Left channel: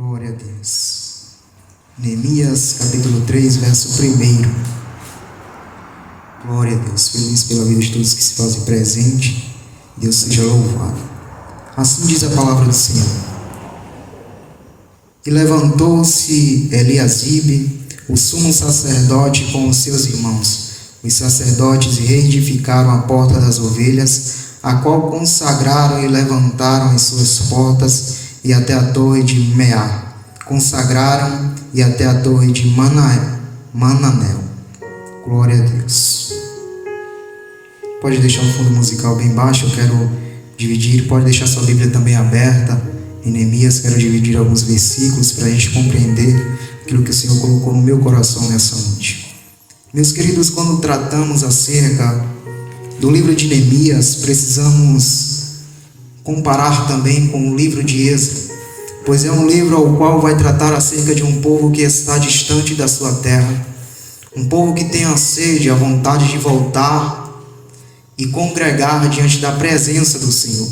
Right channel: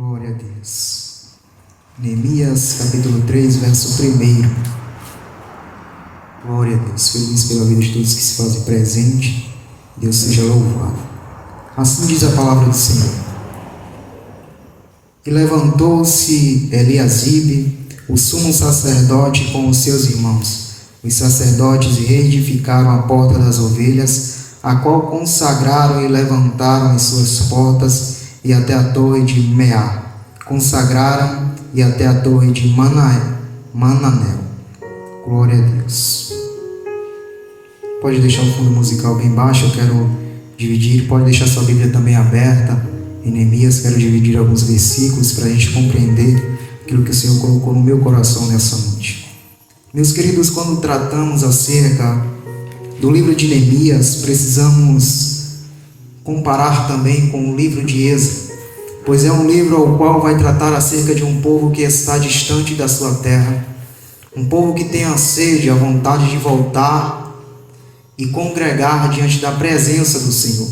Glória a Deus. Neemias capítulo 3, verso 1. Glória a Deus. Feliz pela vida de todos que se fazem presente. Deus seja louvado. Assim diz a palavra do Senhor. E levantou-se Eliasibe, o sumo sacerdote, com os seus irmãos, os sacerdotes, e reedificaram a porta das ovelhas, a qual consagraram e levantaram as suas portas, e até a torre de Meá, consagraram, e até a torre de Mananel. Glória a Deus. Pode deixar o fundo musical bem baixo, eu quero dividir. Pode deixar sua Bíblia também aberta. Em Neemias, quero dividir alguns versículos para a gente compreender aquilo que o Senhor colocou no meu coração nessa noite. Meus queridos, quando tratamos acerca do livro de Neemias, precisamos comparar também com o livro de Êxodo, pois é um livro ao qual vai tratar acerca de um povo que está distante da sua terra, um povo que tem a sede, a vontade de voltar e congregar diante da presença do Senhor.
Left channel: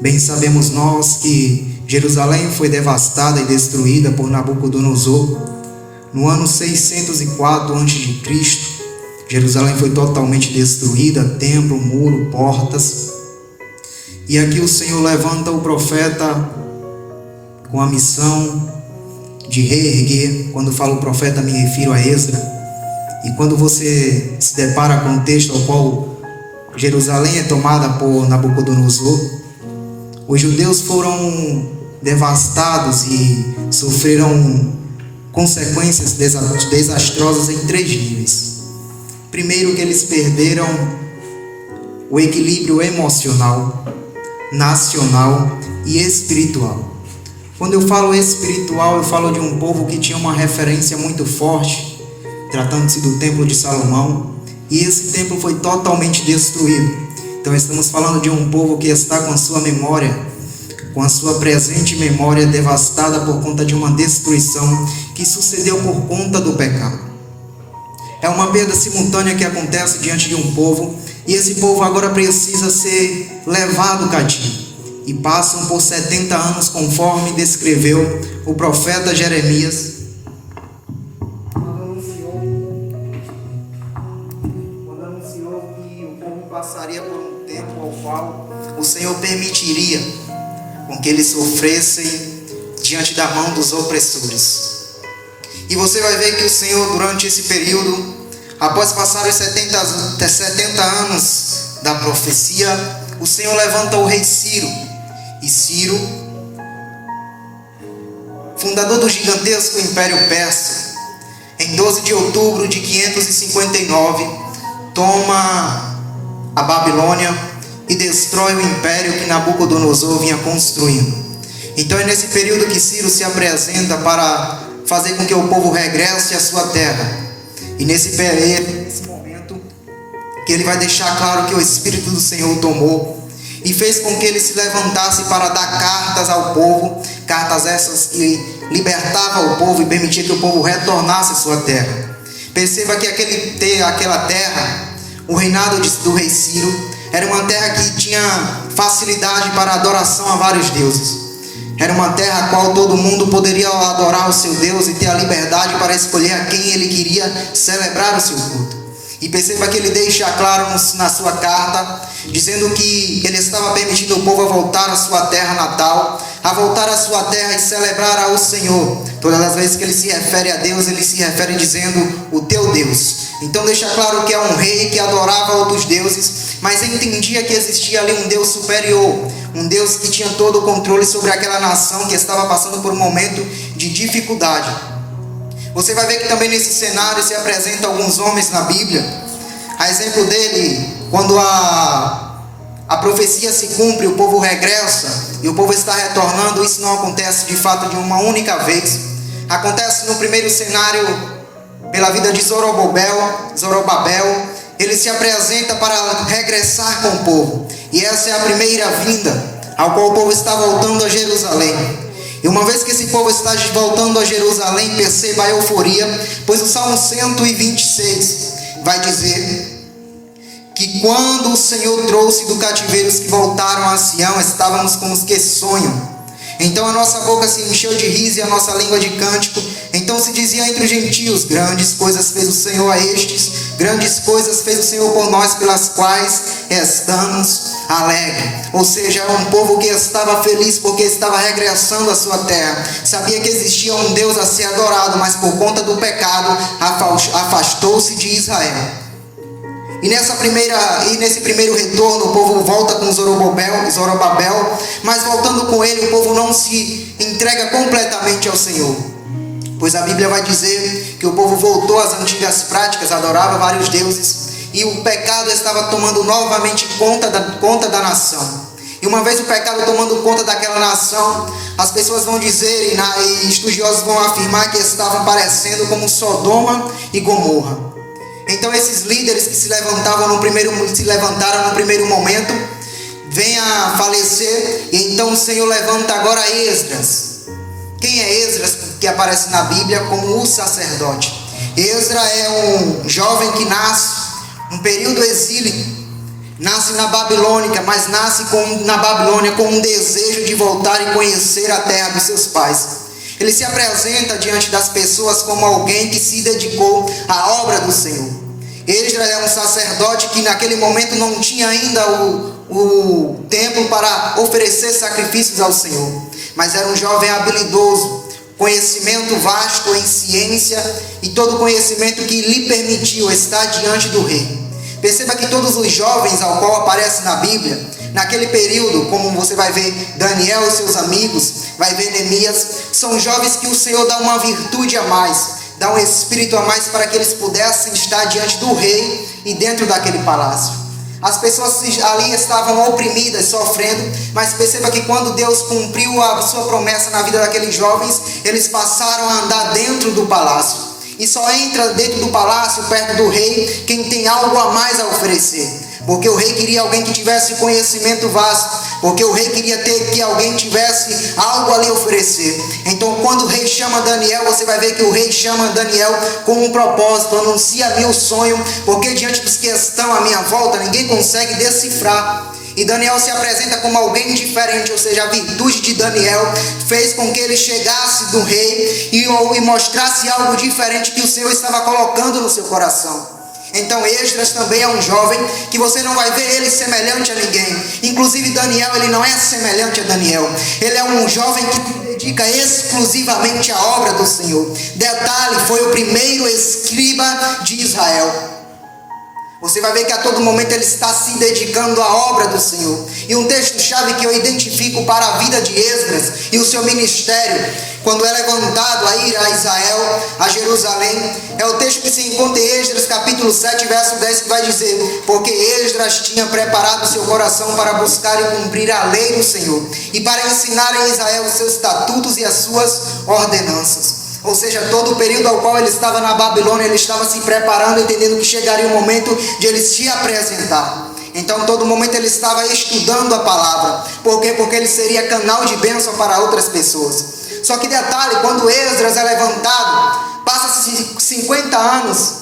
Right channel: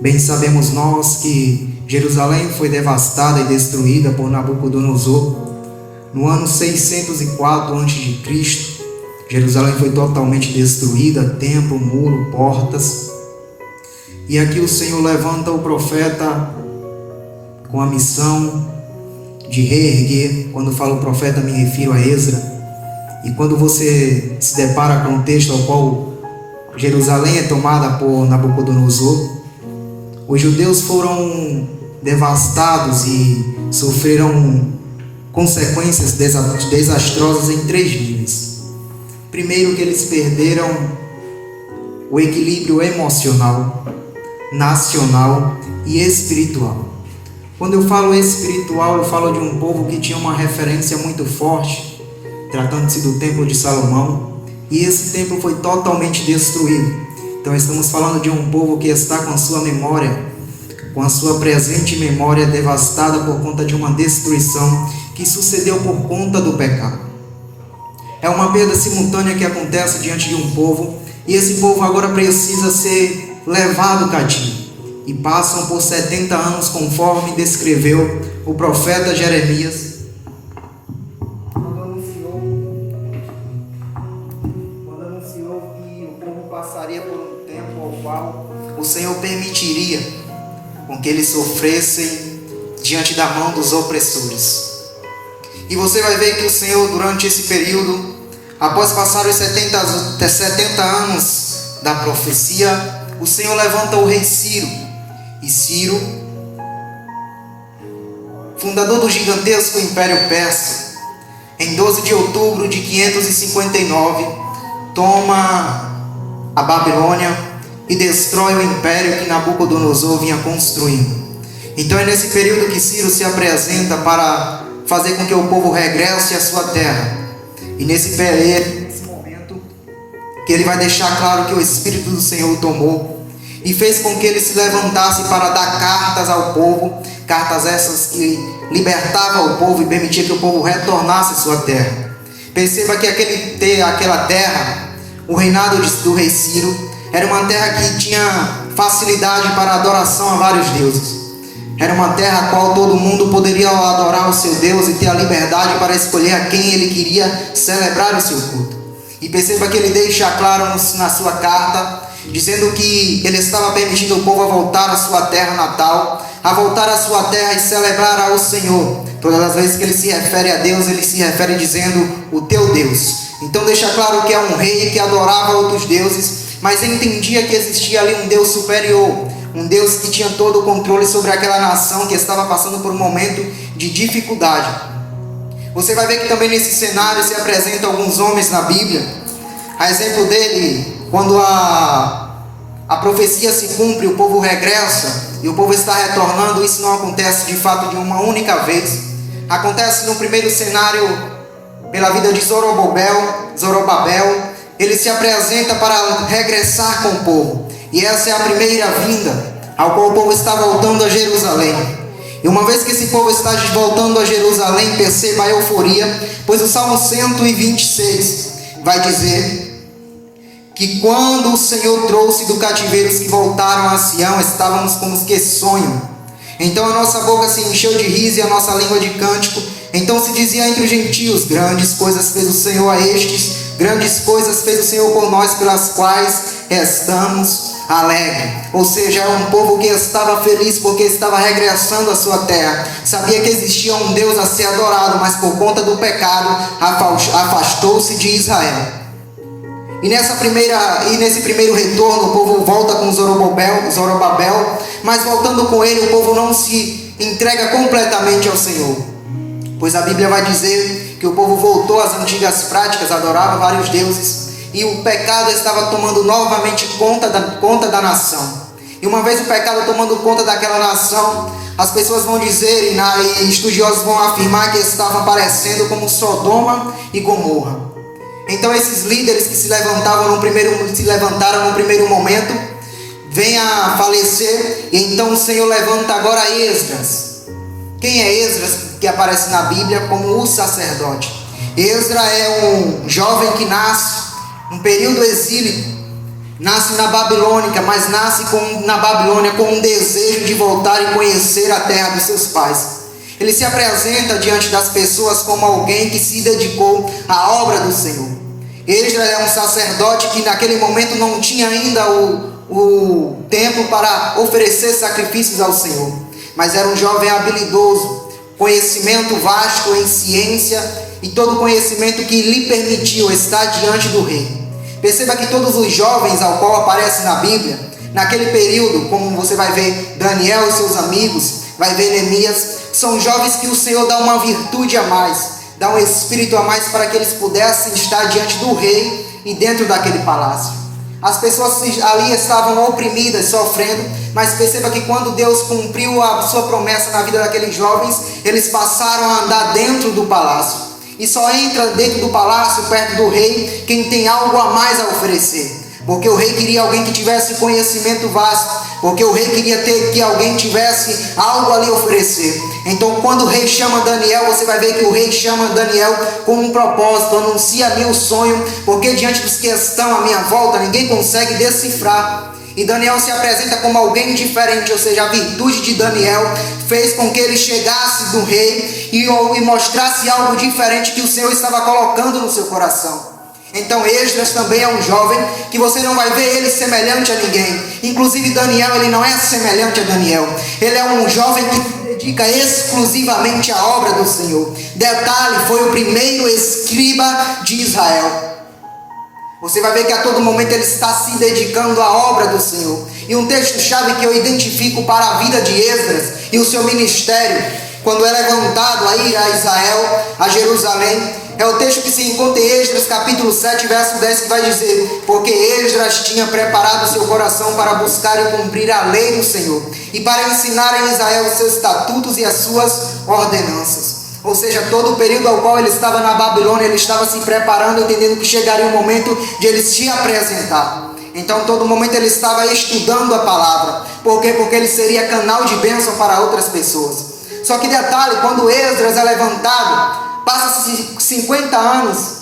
Bem sabemos nós que Jerusalém foi devastada e destruída por Nabucodonosor no ano 604 a.C. Jerusalém foi totalmente destruída, templo, muro, portas. E aqui o Senhor levanta o profeta com a missão de reerguer. Quando falo profeta, me refiro a Esdras. E quando você se depara com o texto ao qual Jerusalém é tomada por Nabucodonosor, os judeus foram devastados e sofreram consequências desastrosas em 3 níveis. Primeiro, que eles perderam o equilíbrio emocional, nacional e espiritual. Quando eu falo espiritual, eu falo de um povo que tinha uma referência muito forte, tratando-se do Templo de Salomão, e esse templo foi totalmente destruído. Então estamos falando de um povo que está com sua memória, com a sua presente memória devastada por conta de uma destruição que sucedeu por conta do pecado. É uma perda simultânea que acontece diante de um povo, e esse povo agora precisa ser levado cativo. E passam por 70 anos, conforme descreveu o profeta Jeremias, quando anunciou que o povo passaria por um tempo ao qual o Senhor permitiria com que eles sofressem diante da mão dos opressores. E você vai ver que o Senhor, durante esse período, após passar os 70 anos da profecia, o Senhor levanta o rei Ciro. E Ciro, fundador do gigantesco Império Persa, em 12 de outubro de 559, toma a Babilônia e destrói o império que Nabucodonosor vinha construindo. Então é nesse período que Ciro se apresenta para fazer com que o povo regresse à sua terra. E nesse momento que ele vai deixar claro que o Espírito do Senhor o tomou e fez com que ele se levantasse para dar cartas ao povo, cartas essas que libertavam o povo e permitia que o povo retornasse à sua terra. Perceba que aquela terra, o reinado do rei Ciro, era uma terra que tinha facilidade para a adoração a vários deuses. Era uma terra a qual todo mundo poderia adorar o seu Deus e ter a liberdade para escolher a quem ele queria celebrar o seu culto. E perceba que ele deixa claro na sua carta, dizendo que ele estava permitindo o povo a voltar à sua terra natal, a voltar à sua terra e celebrar ao Senhor. Todas as vezes que ele se refere a Deus, ele se refere dizendo o teu Deus. Então deixa claro que é um rei que adorava outros deuses, mas entendia que existia ali um Deus superior, um Deus que tinha todo o controle sobre aquela nação que estava passando por um momento de dificuldade. Você vai ver que também nesse cenário se apresentam alguns homens na Bíblia. A exemplo dele, quando a profecia se cumpre, o povo regressa e o povo está retornando. Isso não acontece de fato de uma única vez. Acontece no primeiro cenário pela vida de Zorobabel. Ele se apresenta para regressar com o povo. E essa é a primeira vinda, ao qual o povo está voltando a Jerusalém. E uma vez que esse povo está voltando a Jerusalém, perceba a euforia, pois o Salmo 126 vai dizer que quando o Senhor trouxe do cativeiro os que voltaram a Sião, estávamos como os que sonham. Então a nossa boca se encheu de riso e a nossa língua de cântico. Então se dizia entre os gentios: grandes coisas fez o Senhor a estes, grandes coisas fez o Senhor por nós, pelas quais estamos alegres. Ou seja, era um povo que estava feliz porque estava regressando à sua terra. Sabia que existia um Deus a ser adorado, mas por conta do pecado afastou-se de Israel. E nesse primeiro retorno, o povo volta com Zorobabel, mas voltando com ele, o povo não se entrega completamente ao Senhor. Pois a Bíblia vai dizer que o povo voltou às antigas práticas, adorava vários deuses, e o pecado estava tomando novamente conta da nação. E uma vez o pecado tomando conta daquela nação, as pessoas vão dizer, e estudiosos vão afirmar que estavam parecendo como Sodoma e Gomorra. Então esses líderes que se levantaram no primeiro momento, vêm a falecer, e então o Senhor levanta agora Esdras. Quem é Esdras, que aparece na Bíblia como o sacerdote? Esdras é um jovem que nasce um período exílico, nasce na Babilônia, mas nasce na Babilônia com um desejo de voltar e conhecer a terra dos seus pais. Ele se apresenta diante das pessoas como alguém que se dedicou à obra do Senhor. Esdras é um sacerdote que naquele momento não tinha ainda o templo para oferecer sacrifícios ao Senhor, mas era um jovem habilidoso, conhecimento vasto em ciência e todo conhecimento que lhe permitiu estar diante do rei. Perceba que todos os jovens ao qual aparece na Bíblia, naquele período, como você vai ver Daniel e seus amigos, vai ver Neemias, são jovens que o Senhor dá uma virtude a mais, dá um espírito a mais para que eles pudessem estar diante do rei e dentro daquele palácio. As pessoas ali estavam oprimidas, sofrendo, mas perceba que quando Deus cumpriu a sua promessa na vida daqueles jovens, eles passaram a andar dentro do palácio. E só entra dentro do palácio, perto do rei, quem tem algo a mais a oferecer. Porque o rei queria alguém que tivesse conhecimento vasto, porque o rei queria que alguém tivesse algo a lhe oferecer. Então quando o rei chama Daniel, você vai ver que o rei chama Daniel com um propósito: anuncia-me o sonho, porque diante dos que estão à minha volta, ninguém consegue decifrar. E Daniel se apresenta como alguém diferente, ou seja, a virtude de Daniel fez com que ele chegasse do rei e mostrasse algo diferente que o Senhor estava colocando no seu coração. Então Esdras também é um jovem que você não vai ver ele semelhante a ninguém. Inclusive Daniel, ele não é semelhante a Daniel. Ele é um jovem que se dedica exclusivamente à obra do Senhor. Detalhe, foi o primeiro escriba de Israel. Você vai ver que a todo momento ele está se dedicando à obra do Senhor. E um texto-chave que eu identifico para a vida de Esdras e o seu ministério, quando é levantado a ir a Israel, a Jerusalém, é o texto que se encontra em Esdras capítulo 7, verso 10, que vai dizer: porque Esdras tinha preparado seu coração para buscar e cumprir a lei do Senhor, e para ensinar a Israel os seus estatutos e as suas ordenanças. Ou seja, todo o período ao qual ele estava na Babilônia, ele estava se preparando, entendendo que chegaria o momento de ele se apresentar. Então, todo momento ele estava estudando a palavra. Por quê? Porque ele seria canal de bênção para outras pessoas. Só que detalhe, quando Esdras é levantado, passa-se 50 anos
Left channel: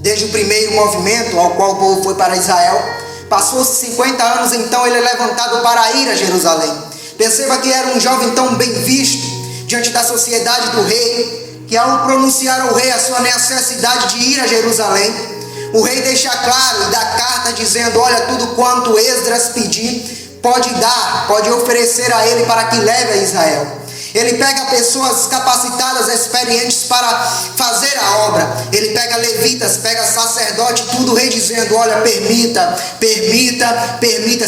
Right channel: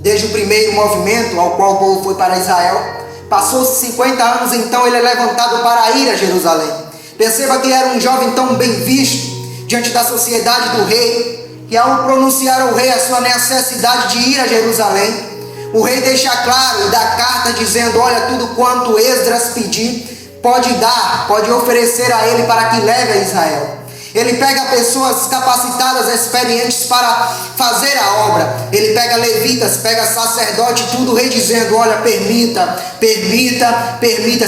desde o primeiro movimento ao qual o povo foi para Israel. Passou-se 50 anos, então ele é levantado para ir a Jerusalém. Perceba que era um jovem tão bem visto diante da sociedade do rei, que ao pronunciar ao rei a sua necessidade de ir a Jerusalém, o rei deixa claro e dá carta dizendo: olha, tudo quanto Esdras pedir, pode oferecer a ele para que leve a Israel. Ele pega pessoas capacitadas, experientes para fazer a obra. Ele pega levitas, pega sacerdote, tudo, o rei dizendo: olha, permita.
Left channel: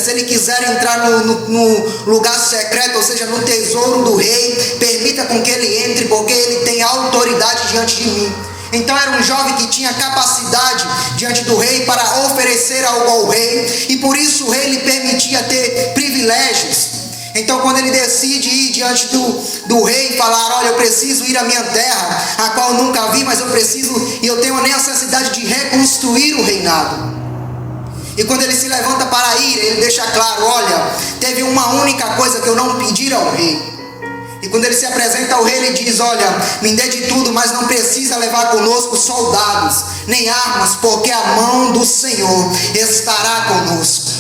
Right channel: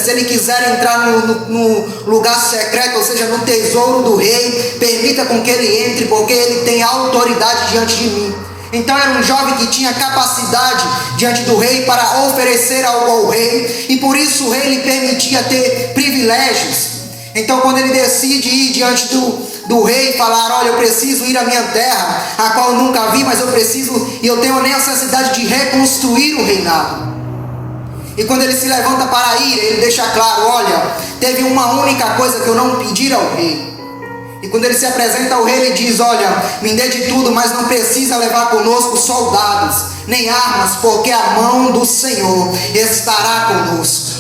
Se ele quiser entrar no lugar secreto, ou seja, no tesouro do rei, permita com que ele entre, porque ele tem autoridade diante de mim. Então era um jovem que tinha capacidade diante do rei para oferecer algo ao rei, e por isso o rei lhe permitia ter privilégios. Então quando ele decide ir diante do rei e falar: olha, eu preciso ir à minha terra, a qual eu nunca vi, mas eu tenho a necessidade de reconstruir o reinado. E quando ele se levanta para ir, ele deixa claro: olha, teve uma única coisa que eu não pedi ao rei. E quando ele se apresenta ao rei, ele diz: olha, me dê de tudo, mas não precisa levar conosco soldados, nem armas, porque a mão do Senhor estará conosco.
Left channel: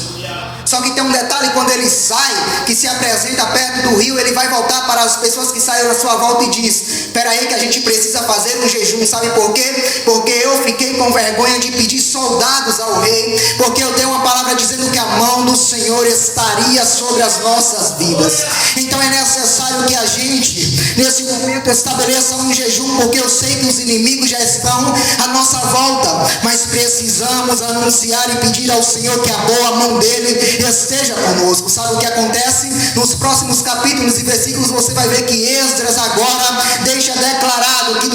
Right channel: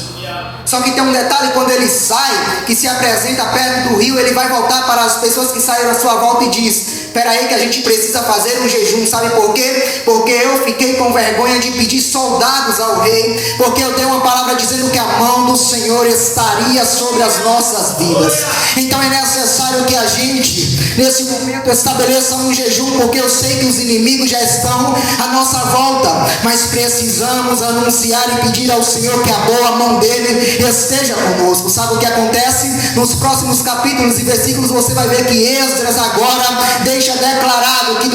Só que tem um detalhe: quando ele sai, que se apresenta perto do rio, ele vai voltar para as pessoas que saíram à sua volta e diz: espera aí que a gente precisa fazer um jejum. Sabe por quê? Porque eu fiquei com vergonha de pedir soldados ao rei, porque eu dei uma palavra dizendo que a mão do Senhor estaria sobre as nossas vidas. Então é necessário que a gente, nesse momento, estabeleça um jejum, porque eu sei que os inimigos já estão à nossa volta, mas precisamos anunciar e pedir ao Senhor que a boa mão dele esteja conosco. Sabe o que acontece? Nos próximos capítulos e versículos você vai ver que Esdras agora deixa declarado que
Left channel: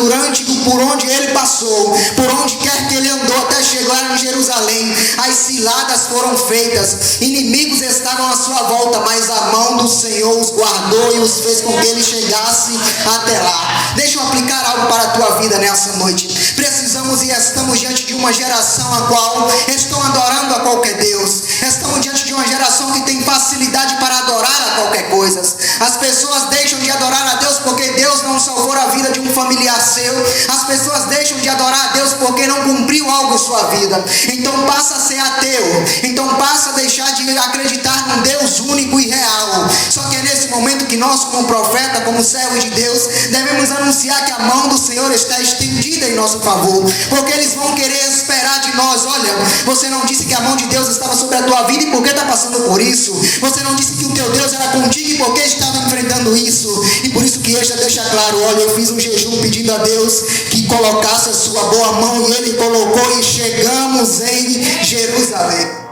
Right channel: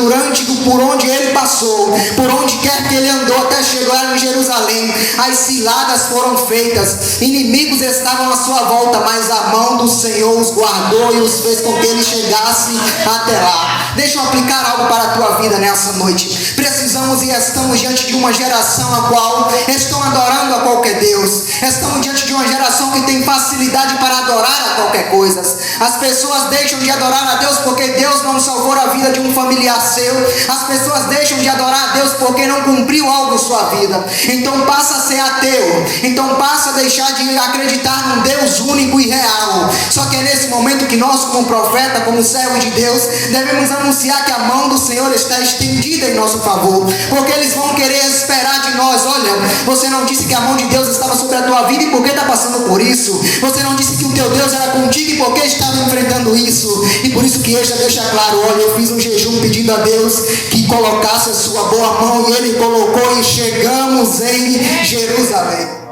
por onde ele passou, por onde quer que ele andou até chegar em Jerusalém, as ciladas foram feitas, inimigos estavam à sua volta, mas a mão do Senhor os guardou e os fez com que eles chegassem até lá. Deixa eu aplicar algo para a tua vida nessa noite. Precisamos e estamos diante de uma geração a qual estão adorando a qualquer Deus. Estamos diante de uma geração que tem facilidade para adorar a qualquer coisa. As pessoas deixam de adorar a Deus porque Deus não salvou a vida de um familiar seu. As pessoas deixam de adorar a Deus porque não cumpriu algo em sua vida. Então passa a ser ateu. Então passa a deixar de acreditar num Deus único e real. Só que é nesse momento que nós, como profeta, como servos de Deus, devemos anunciar que a mão do Senhor está estendida em nosso favor, porque eles vão querer esperar de nós: olha, você não disse que a mão de Deus estava sobre a tua vida, e por que está passando por isso? Você não disse que o teu Deus era contigo, e por que estava enfrentando isso? E por isso que este deixa claro: olha, eu fiz um jejum pedindo a Deus que colocasse a sua boa mão, e ele colocou, e chegamos em Jerusalém.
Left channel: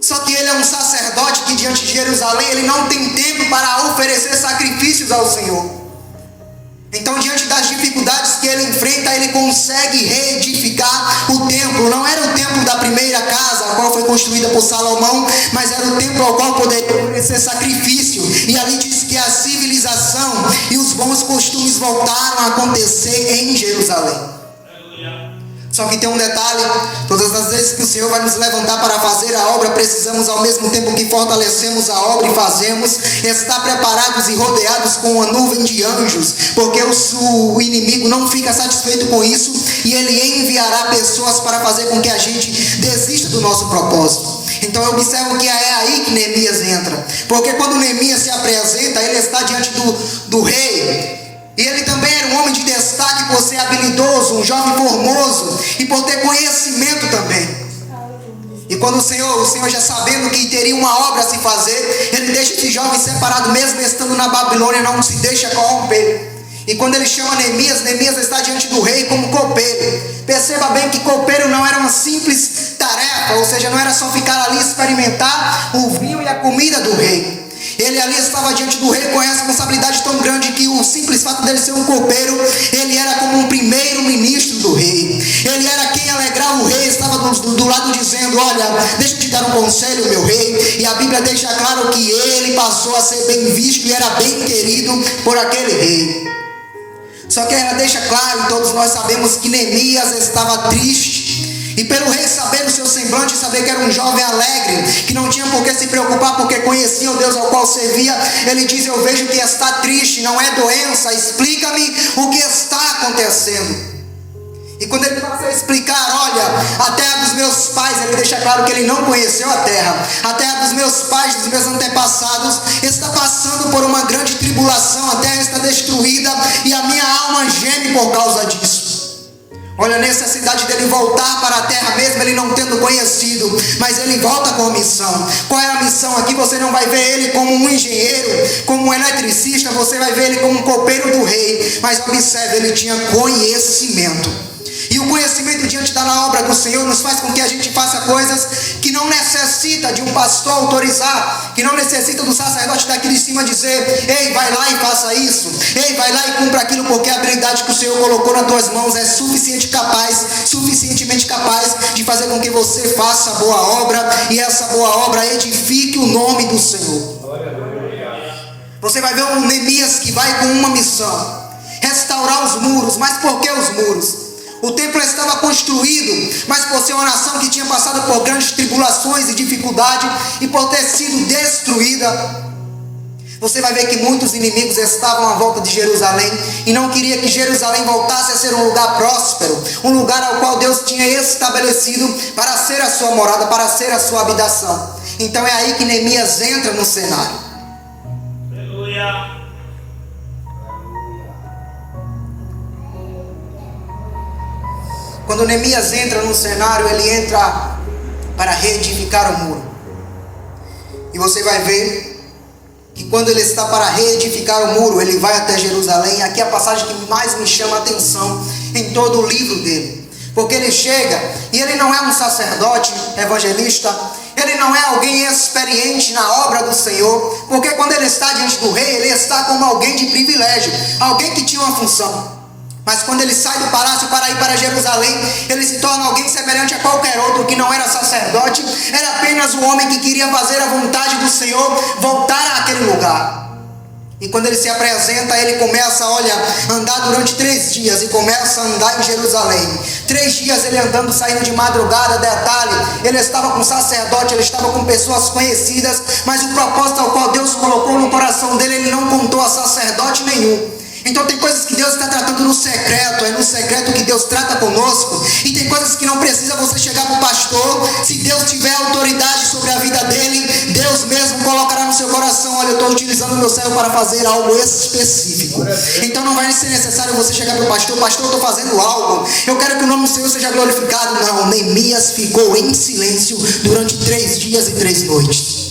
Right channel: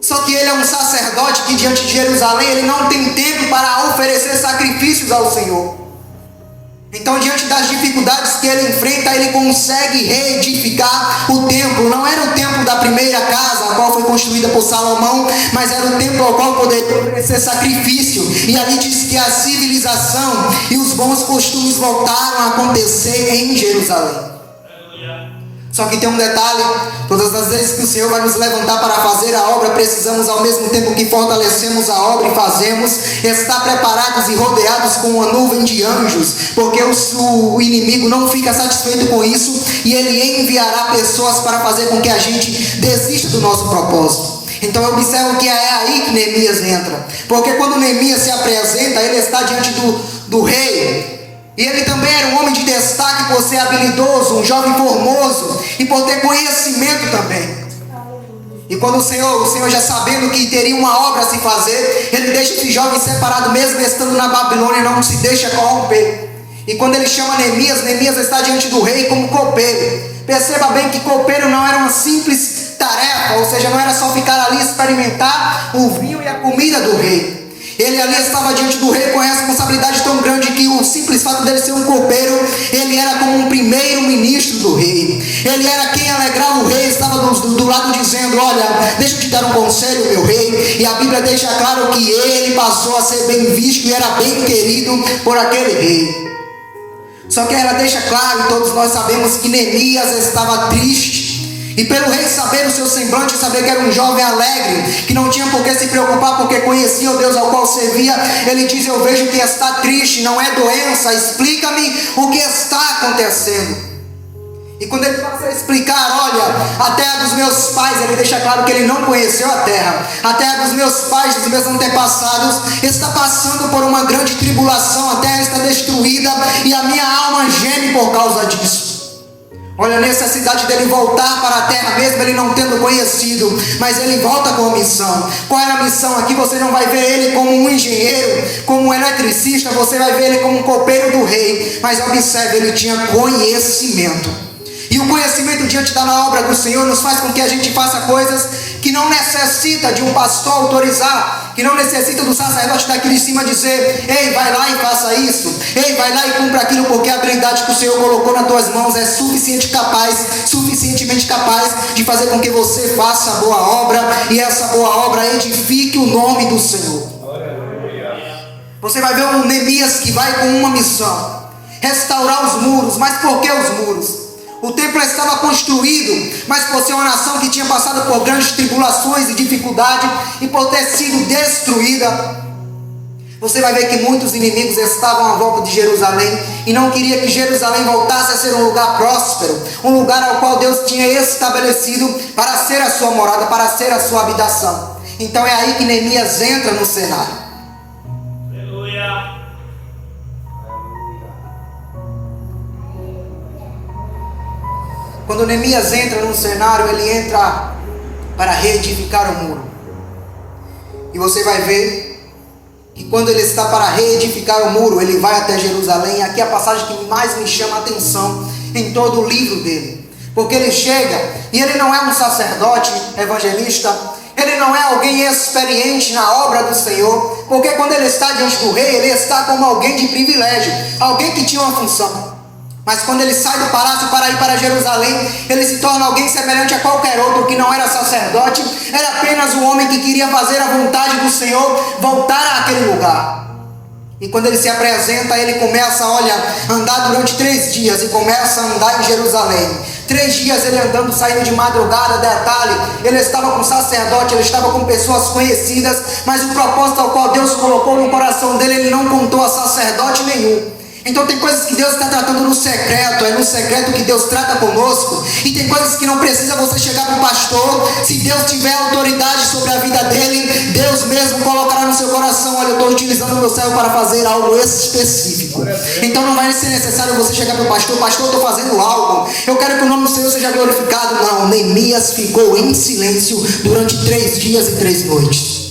Só que ele é um sacerdote que diante de Jerusalém ele não tem tempo para oferecer sacrifícios ao Senhor. Então, diante das dificuldades que ele enfrenta, ele consegue reedificar o templo. Não era o templo da primeira casa, a qual foi construída por Salomão, mas era o templo ao qual poderia oferecer sacrifício. E ali diz que a civilização e os bons costumes voltaram a acontecer em Jerusalém. Só que tem um detalhe: todas as vezes que o Senhor vai nos levantar para fazer a obra, precisamos, ao mesmo tempo que fortalecemos a obra e fazemos, estar preparados e rodeados com uma nuvem de anjos, porque o inimigo não fica satisfeito com isso, e ele enviará pessoas para fazer com que a gente desista do nosso propósito. Então observa que é aí que Neemias entra, porque quando Neemias se apresenta, ele está diante do rei. E ele também era um homem de destaque por ser habilidoso, um jovem formoso e por ter conhecimento também. E quando o Senhor já sabendo que teria uma obra a se fazer, ele deixa esse jovem separado, mesmo estando na Babilônia, não se deixa corromper. E quando ele chama Neemias, Neemias está diante do rei como copeiro. Perceba bem que copeiro não era uma simples tarefa, ou seja, não era só ficar ali e experimentar o vinho e a comida do rei. Ele ali estava diante do rei com a responsabilidade tão grande que o simples fato dele ser um copeiro, ele era como um primeiro ministro do rei. Ele era quem alegrava o rei, estava do lado dizendo: olha, deixa eu te dar um conselho, meu rei. E a Bíblia deixa claro que ele passou a ser bem visto e era bem querido por aquele rei. Só que ela deixa claro, todos nós sabemos, que Neemias estava triste. E pelo rei saber o seu semblante, saber que era um jovem alegre, que não tinha por que se preocupar, porque conhecia o Deus ao qual servia, ele diz: eu vejo que está triste, não é doença, explica-me o que está acontecendo. E quando ele passa a explicar: olha, a terra dos meus pais, ele deixa claro que ele não conheceu a terra. A terra dos meus pais, dos meus antepassados, está passando por uma grande tribulação, a terra está destruída e a minha alma geme por causa disso. Olha a necessidade dele voltar para a terra, mesmo ele não tendo conhecido, mas ele volta com missão. Qual é a missão aqui? Você não vai ver ele como um engenheiro, como um eletricista, você vai ver ele como um copeiro do rei. Mas observe, ele tinha conhecimento. E o conhecimento diante da obra do Senhor nos faz com que a gente faça coisas que não necessita de um pastor autorizar, que não necessita do sacerdote daqui de cima dizer: ei, vai lá e faça isso, ei, vai lá e cumpra aquilo, porque a habilidade que o Senhor colocou nas tuas mãos é suficientemente capaz de fazer com que você faça a boa obra, e essa boa obra edifique o nome do Senhor. Você vai ver um Neemias que vai com uma missão: restaurar os muros. Mas por que os muros? O templo estava construído, mas por ser uma nação que tinha passado por grandes tribulações e dificuldade, e por ter sido destruída. Você vai ver que muitos inimigos estavam à volta de Jerusalém e não queria que Jerusalém voltasse a ser um lugar próspero, um lugar ao qual Deus tinha estabelecido para ser a sua morada, para ser a sua habitação. Então é aí que Neemias entra no cenário. Aleluia. Quando Neemias entra no cenário, ele entra para reedificar o muro. E você vai ver que quando ele está para reedificar o muro, ele vai até Jerusalém. Aqui é a passagem que mais me chama a atenção em todo o livro dele. Porque ele chega e ele não é um sacerdote evangelista, ele não é alguém experiente na obra do Senhor, porque quando ele está diante do rei, ele está como alguém de privilégio, alguém que tinha uma função. Mas quando ele sai do palácio para ir para Jerusalém, ele se torna alguém semelhante a qualquer outro que não era sacerdote, era apenas um homem que queria fazer a vontade do Senhor, voltar àquele lugar. E quando ele se apresenta, ele começa a andar durante 3 dias e começa a andar em Jerusalém. 3 dias ele andando, saindo de madrugada, detalhe, ele estava com sacerdote, ele estava com pessoas conhecidas, mas o propósito ao qual Deus colocou no coração dele, ele não contou a sacerdote nenhum. Então tem coisas que Deus está tratando no secreto, é no secreto que Deus trata conosco. E tem coisas que não precisa você chegar para o pastor. Se Deus tiver autoridade sobre a vida dele, Deus mesmo colocará no seu coração: olha, eu estou utilizando o meu servo para fazer algo específico. Então não vai ser necessário você chegar para o pastor: pastor, eu estou fazendo algo, eu quero que o nome do Senhor seja glorificado. Não, Neemias ficou em silêncio durante 3 dias e 3 noites.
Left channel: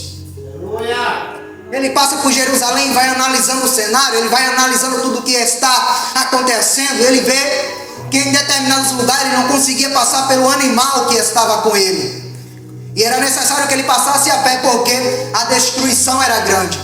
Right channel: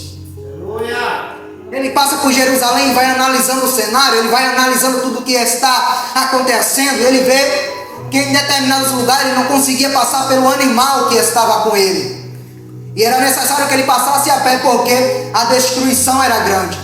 Ele passa por Jerusalém, vai analisando o cenário, ele vai analisando tudo o que está acontecendo. Ele vê que em determinados lugares ele não conseguia passar pelo animal que estava com ele. E era necessário que ele passasse a pé, porque a destruição era grande.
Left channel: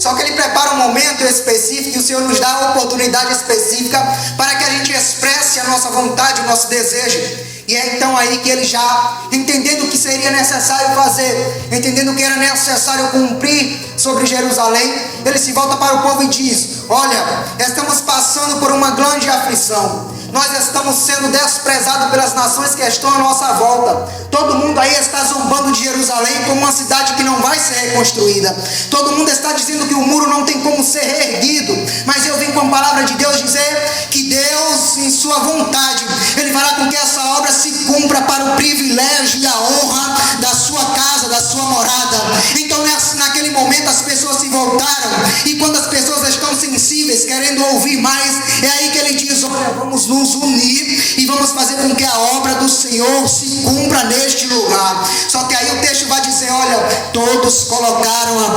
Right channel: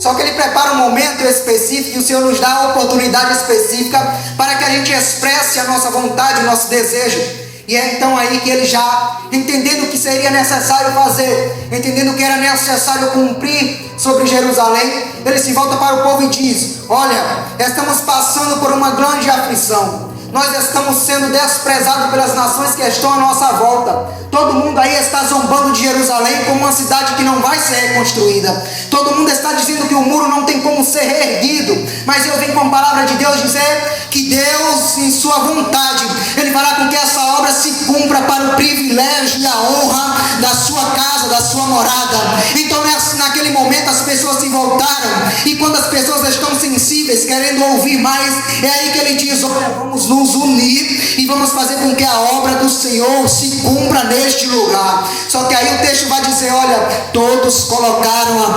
Só que ele prepara um momento específico e o Senhor nos dá a oportunidade específica para que a gente expresse a nossa vontade, o nosso desejo. E é então aí que ele já, entendendo o que seria necessário fazer, entendendo que era necessário cumprir sobre Jerusalém, ele se volta para o povo e diz: olha, estamos passando por uma grande aflição. Nós estamos sendo desprezados pelas nações que estão à nossa volta. Todo mundo aí está zombando de Jerusalém como uma cidade que não vai ser reconstruída. Todo mundo está dizendo que o muro não tem como ser reerguido. Mas eu vim com a palavra de Deus dizer que Deus, em sua vontade, Ele fará com que essa obra se cumpra para o privilégio e a honra da sua casa, da sua morada. Então naquele momento as pessoas se voltaram. E quando as pessoas estão sensíveis, querendo ouvir mais, é aí que Ele diz: olha, vamos nos unir e vamos fazer com que a obra do Senhor se cumpra neste lugar. Só que aí o texto vai dizer: olha, todos colocaram a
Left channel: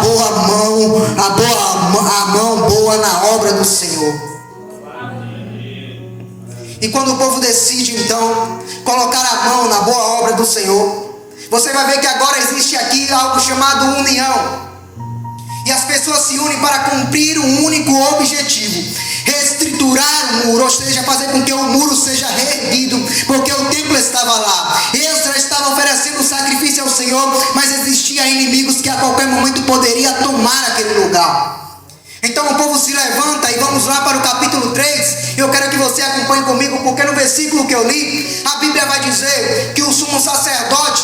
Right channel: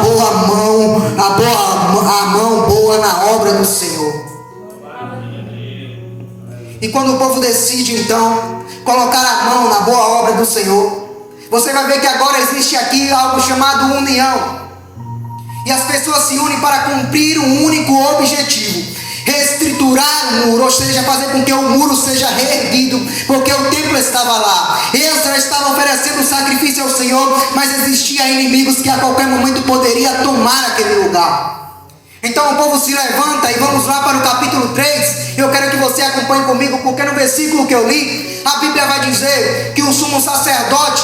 mão boa na obra do Senhor. E quando o povo decide então colocar a mão na boa obra do Senhor, você vai ver que agora existe aqui algo chamado união. E as pessoas se unem para cumprir um único objetivo: reestruturar o muro, ou seja, fazer com que o muro seja reerguido, porque o templo estava lá. Esdras estava oferecendo sacrifício ao Senhor, mas existiam inimigos que a qualquer momento poderia tomar aquele lugar. Então o povo se levanta e vamos lá para o capítulo 3. Eu quero que você acompanhe comigo, porque no versículo que eu li, a Bíblia vai dizer que o sumo sacerdote,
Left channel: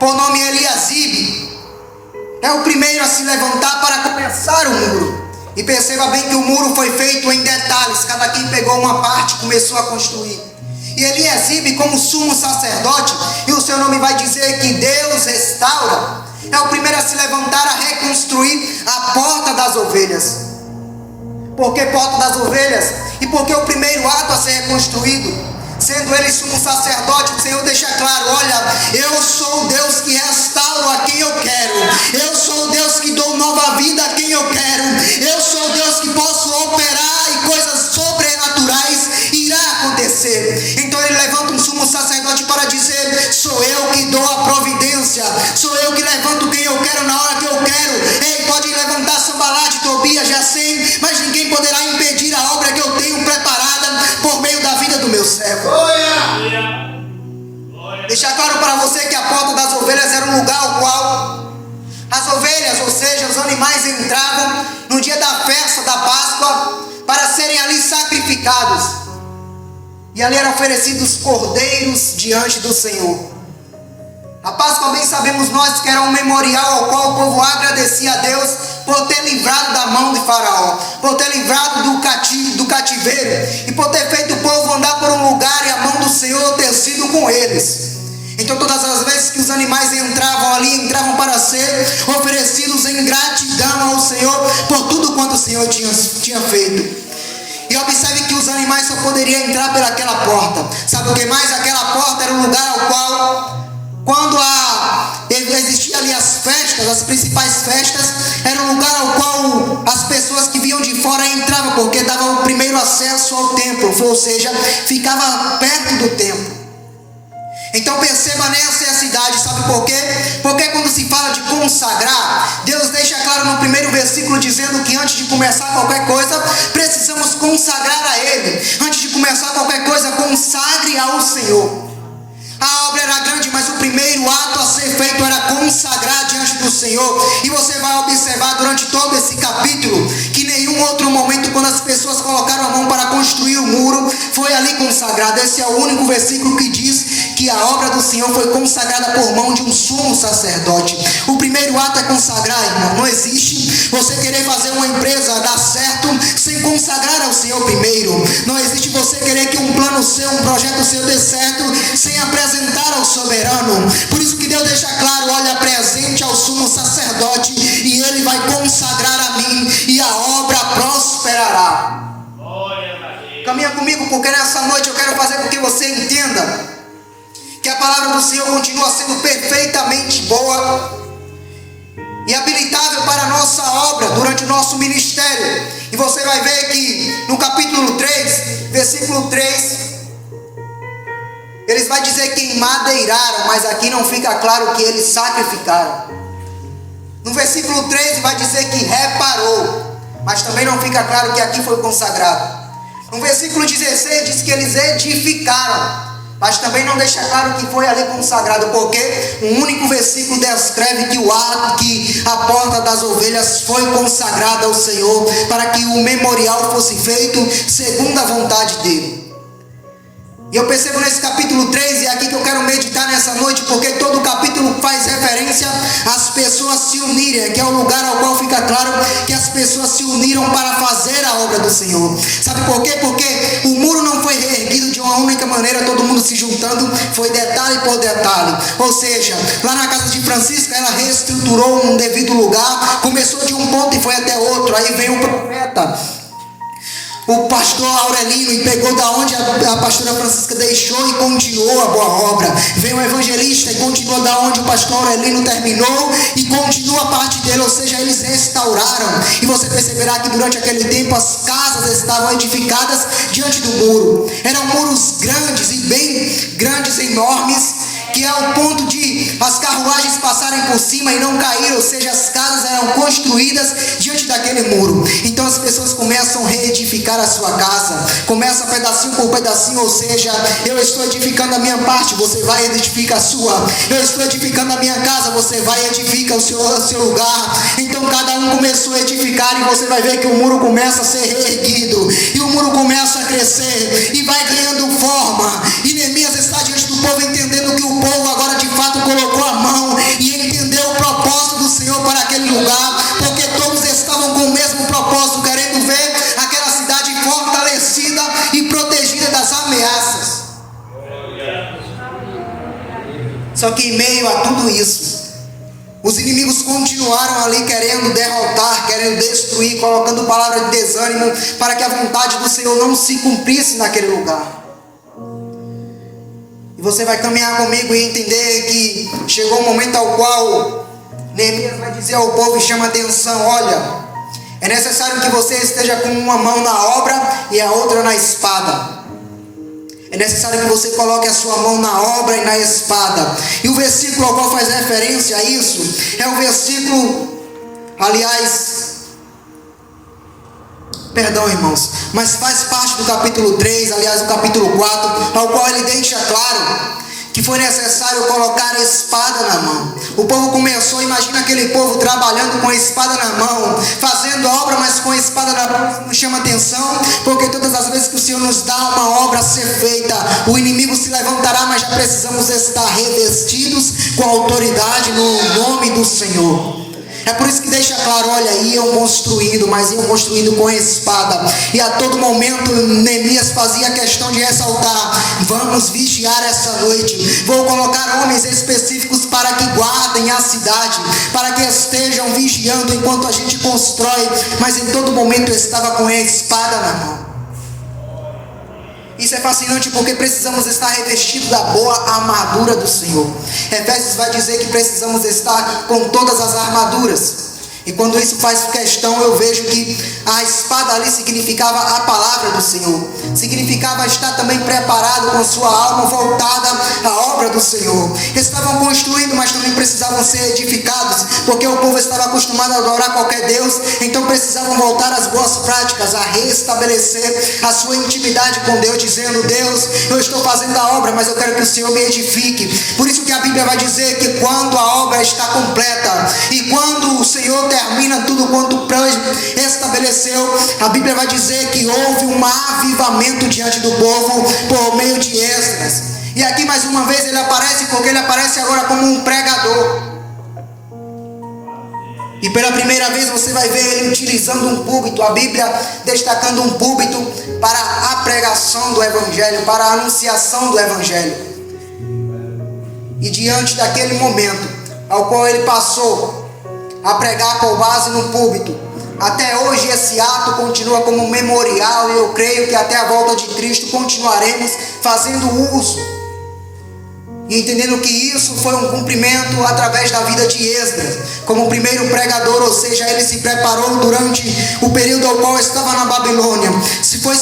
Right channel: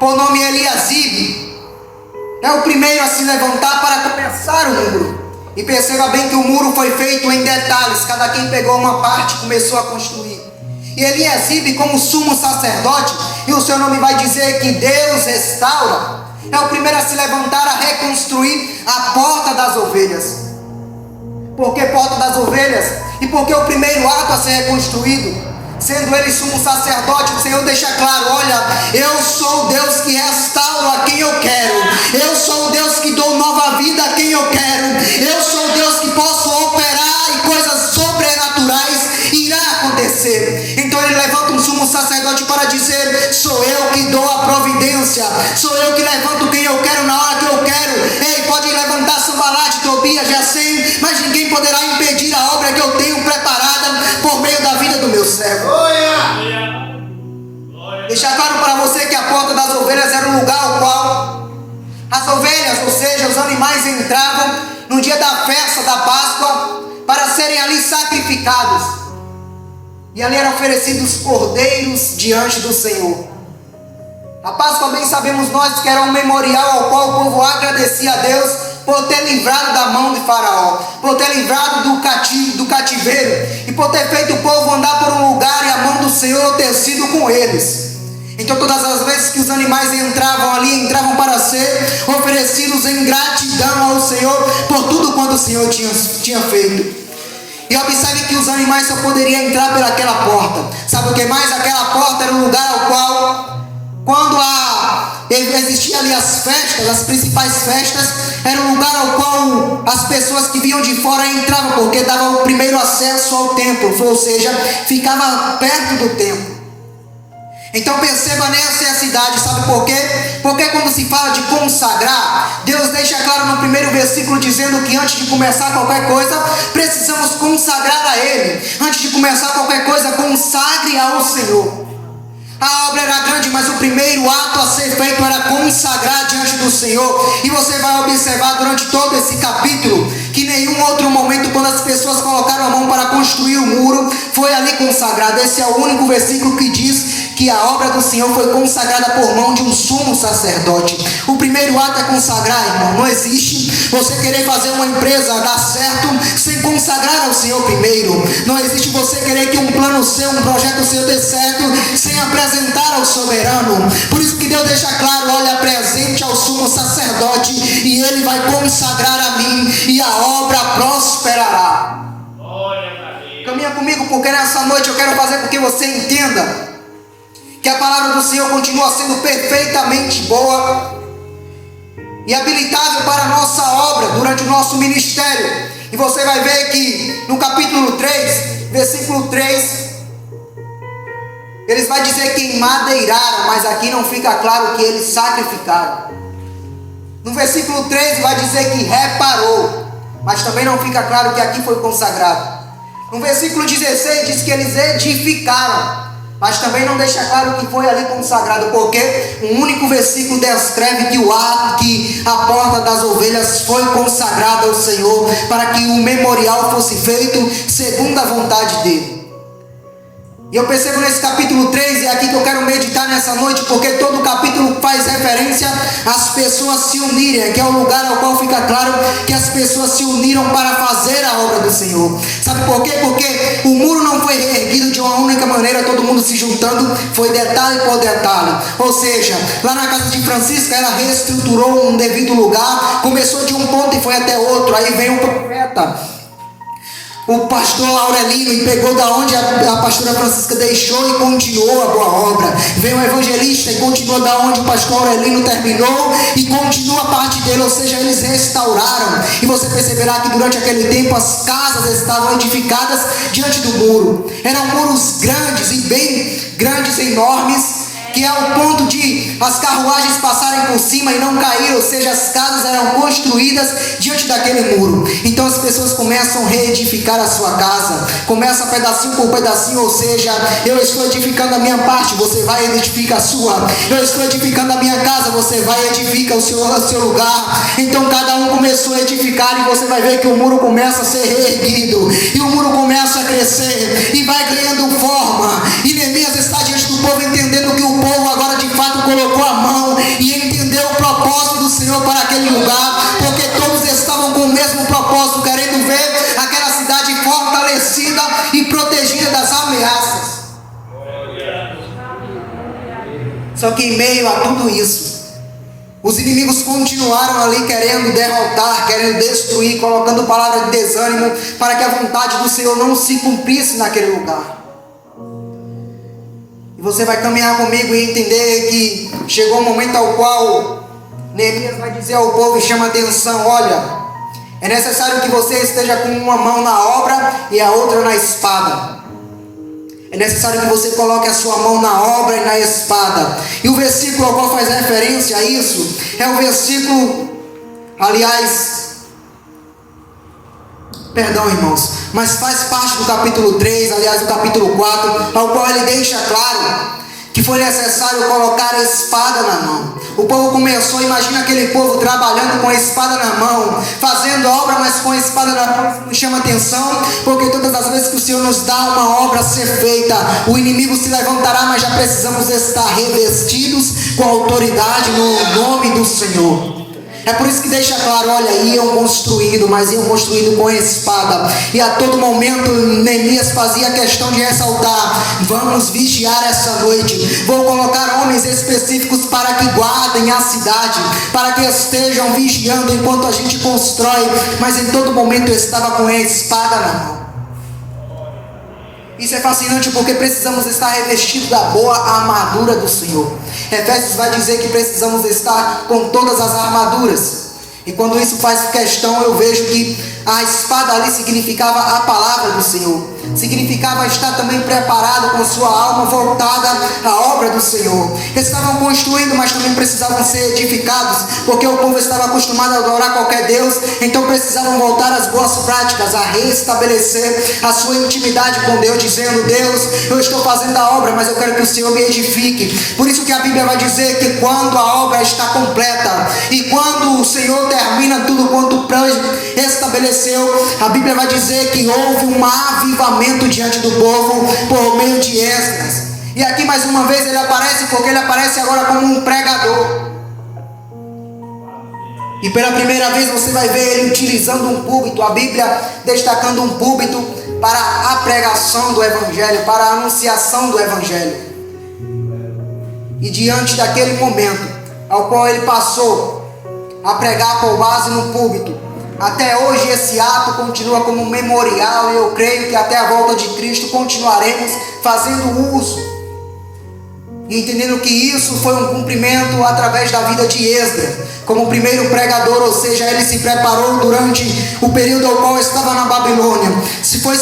por nome Eliasibe, é o primeiro a se levantar para começar o muro. E perceba bem que o muro foi feito em detalhes. Cada quem pegou uma parte e começou a construir. E Eliasibe, como sumo sacerdote, e o seu nome vai dizer que Deus restaura, é o primeiro a se levantar a reconstruir a porta das ovelhas. Por que porta das ovelhas? E porque o primeiro ato a ser reconstruído, sendo ele sumo sacerdote, o Senhor deixa claro: olha, eu sou o Deus que restauro a quem eu quero, eu sou o Deus que dou nova vida a quem eu quero, eu sou o Deus que posso operar e coisas sobrenaturais irá acontecer. Então ele levanta um sumo sacerdote para dizer: sou eu que dou a providência, sou eu que levanto quem eu quero na hora que eu quero. Ei, pode levantar Sanbalate, Tobias, Gesem, mas ninguém poderá impedir a obra que eu tenho preparada por meio da vida do meu servo. Deixar claro para você que a porta das ovelhas era um lugar ao qual as ovelhas, ou seja, os animais, entravam no dia da festa da Páscoa para serem ali sacrificados. E ali eram oferecidos cordeiros diante do Senhor. A Páscoa, bem sabemos nós, que era um memorial ao qual o povo agradecia a Deus por ter livrado da mão de Faraó, por ter livrado do cativeiro e por ter feito o povo andar por um lugar e a mão do Senhor ter sido com eles. Então todas as vezes que os animais entravam ali, entravam para ser oferecidos em gratidão ao Senhor por tudo quanto o Senhor tinha feito. E observe que os animais só poderiam entrar pelaquela porta. Sabe o que mais? Aquela porta era um lugar ao qual, quando existia ali as festas, as principais festas, era um lugar ao qual as pessoas que vinham de fora entravam, porque dava o primeiro acesso ao templo, ou seja, ficava perto do templo. Então perceba nessa necessidade, sabe por quê? Porque quando se fala de consagrar, Deus deixa claro no primeiro versículo dizendo que antes de começar qualquer coisa, precisamos consagrar a Ele. Antes de começar qualquer coisa, consagre ao Senhor. A obra era grande, mas o primeiro ato a ser feito era consagrar diante do Senhor. E você vai observar durante todo esse capítulo que nenhum outro momento, quando as pessoas colocaram a mão para construir o muro, foi ali consagrado. Esse é o único versículo que diz que a obra do Senhor foi consagrada por mão de um sumo sacerdote. O primeiro ato é consagrar, irmão. Não existe você querer fazer uma empresa dar certo sem consagrar ao Senhor primeiro. Não existe você querer que um plano seu, um projeto seu dê certo sem apresentar ao soberano. Por isso que Deus deixa claro: olha, apresente ao sumo sacerdote e ele vai consagrar a mim e a obra prosperará. Caminha comigo, porque nessa noite eu quero fazer com que você entenda que a palavra do Senhor continua sendo perfeitamente boa e habilitável para a nossa obra durante o nosso ministério. E você vai ver que no capítulo 3, versículo 3, eles vão dizer que madeiraram, mas aqui não fica claro que eles sacrificaram. No versículo 13 vai dizer que reparou, mas também não fica claro que aqui foi consagrado. No versículo 16 diz que eles edificaram, mas também não deixa claro que foi ali consagrado, porque um único versículo descreve que a porta das ovelhas foi consagrada ao Senhor, para que o memorial fosse feito segundo a vontade dele. E eu percebo nesse capítulo 3, e é aqui que eu quero meditar nessa noite, porque todo o capítulo faz referência às pessoas se unirem, que é o lugar ao qual fica claro que as pessoas se uniram para fazer a obra do Senhor. Sabe por quê? Porque o muro não foi erguido de uma única maneira, todo mundo se juntando, foi detalhe por detalhe. Ou seja, lá na casa de Francisca, ela reestruturou um devido lugar, começou de um ponto e foi até outro. Aí vem o profeta, o pastor Aurelino, e pegou da onde a pastora Francisca deixou e continuou a boa obra. Vem o evangelista e continuou da onde o pastor Aurelino terminou e continua a parte dele, ou seja, eles restauraram. E você perceberá que durante aquele tempo as casas estavam edificadas diante do muro. Eram muros grandes e bem grandes, enormes, que é o ponto de as carruagens passarem por cima e não cair, ou seja, as casas eram construídas diante daquele muro. Então as pessoas começam a reedificar a sua casa, começa pedacinho por pedacinho, ou seja, eu estou edificando a minha parte, você vai edificar a sua. Eu estou edificando a minha casa, você vai edificar o seu lugar. Então cada um começou a edificar e você vai ver que o muro começa a ser reerguido e o muro começa a crescer e vai ganhando forma. E Neemias está diante do povo entendendo que o povo agora de fato colocou a mão e entendeu o propósito do Senhor para aquele lugar, porque todos estavam com o mesmo propósito, querendo ver aquela cidade fortalecida e protegida das ameaças. Só que em meio a tudo isso, os inimigos continuaram ali querendo derrotar, querendo destruir, colocando palavras de desânimo para que a vontade do Senhor não se cumprisse naquele lugar. E você vai caminhar comigo e entender que chegou o momento ao qual Neemias vai dizer ao povo e chama atenção: olha, é necessário que você esteja com uma mão na obra e a outra na espada. É necessário que você coloque a sua mão na obra e na espada. E o versículo ao qual faz referência a isso é o versículo, perdão, irmãos, mas faz parte do capítulo 3, do capítulo 4, ao qual ele deixa claro que foi necessário colocar a espada na mão. O povo começou, imagina aquele povo trabalhando com a espada na mão, fazendo a obra, mas com a espada na mão. Isso nos chama atenção, porque todas as vezes que o Senhor nos dá uma obra a ser feita, o inimigo se levantará, mas já precisamos estar revestidos com autoridade no nome do Senhor. É por isso que deixa claro, olha, iam construindo, mas iam construindo com espada. E a todo momento Neemias fazia questão de ressaltar: vamos vigiar essa noite. Vou colocar homens específicos para que guardem a cidade, para que estejam vigiando enquanto a gente constrói. Mas em todo momento eu estava com a espada na mão. Isso é fascinante porque precisamos estar revestidos da boa armadura do Senhor. Efésios vai dizer que precisamos estar com todas as armaduras. E quando isso faz questão, eu vejo que a espada ali significava a palavra do Senhor. Significava estar também preparado com sua alma voltada à obra do Senhor. Estavam construindo, mas também precisavam ser edificados, porque o povo estava acostumado a adorar qualquer Deus. Então precisavam voltar às boas práticas, a restabelecer a sua intimidade com Deus, dizendo: Deus, eu estou fazendo a obra, mas eu quero que o Senhor me edifique. Por isso que a Bíblia vai dizer que quando a obra está completa e quando o Senhor termina tudo quanto o plano estabeleceu, a Bíblia vai dizer que houve um avivamento diante do povo por meio de Esdras. E aqui mais uma vez ele aparece, porque ele aparece agora como um pregador. E pela primeira vez você vai ver ele utilizando um púlpito, a Bíblia destacando um púlpito para a pregação do Evangelho, para a anunciação do Evangelho. E diante daquele momento ao qual ele passou a pregar com base no púlpito, até hoje esse ato continua como um memorial, e eu creio que até a volta de Cristo continuaremos fazendo uso e entendendo que isso foi um cumprimento através da vida de Esdras, como o primeiro pregador, ou seja, ele se preparou durante o período ao qual estava na Babilônia, foi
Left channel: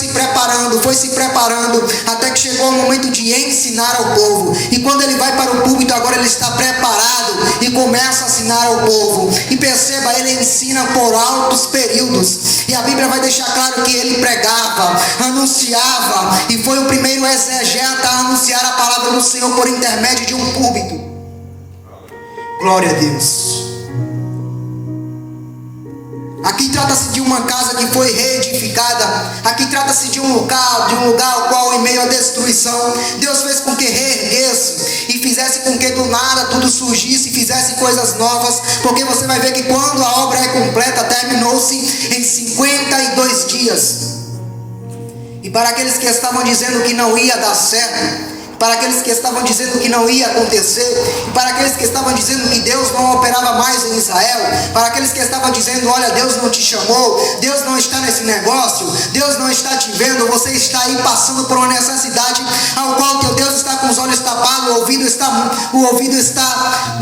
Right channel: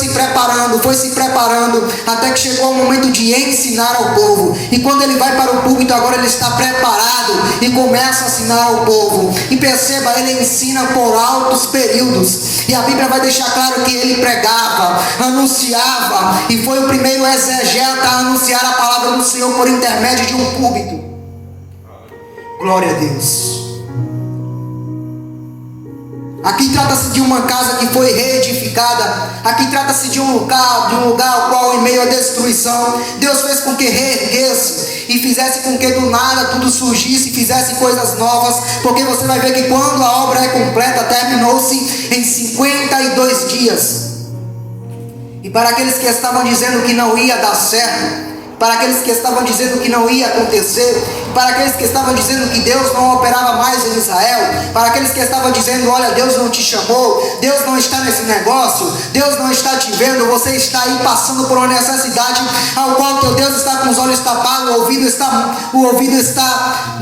se preparando, até que chegou o momento de ensinar ao povo, e quando ele vai para o púlpito, agora ele está preparado e começa a ensinar ao povo, e perceba, ele ensina por altos períodos, e a Bíblia vai deixar claro que ele pregava, anunciava, e foi o primeiro exegeta a anunciar a palavra do Senhor por intermédio de um púlpito. Glória a Deus. Aqui trata-se de uma casa que foi reedificada. Aqui trata-se de um lugar ao qual, em meio à destruição, Deus fez com que reerguesse e fizesse com que do nada tudo surgisse e fizesse coisas novas. Porque você vai ver que quando a obra é completa, terminou-se em 52 dias. E para aqueles que estavam dizendo que não ia dar certo, para aqueles que estavam dizendo que não ia acontecer, para aqueles que estavam dizendo que Deus não operava mais em Israel, para aqueles que estavam dizendo: olha, Deus não te chamou, Deus não está nesse negócio, Deus não está te vendo, você está aí passando por uma necessidade ao qual teu Deus está com os olhos tapados, o ouvido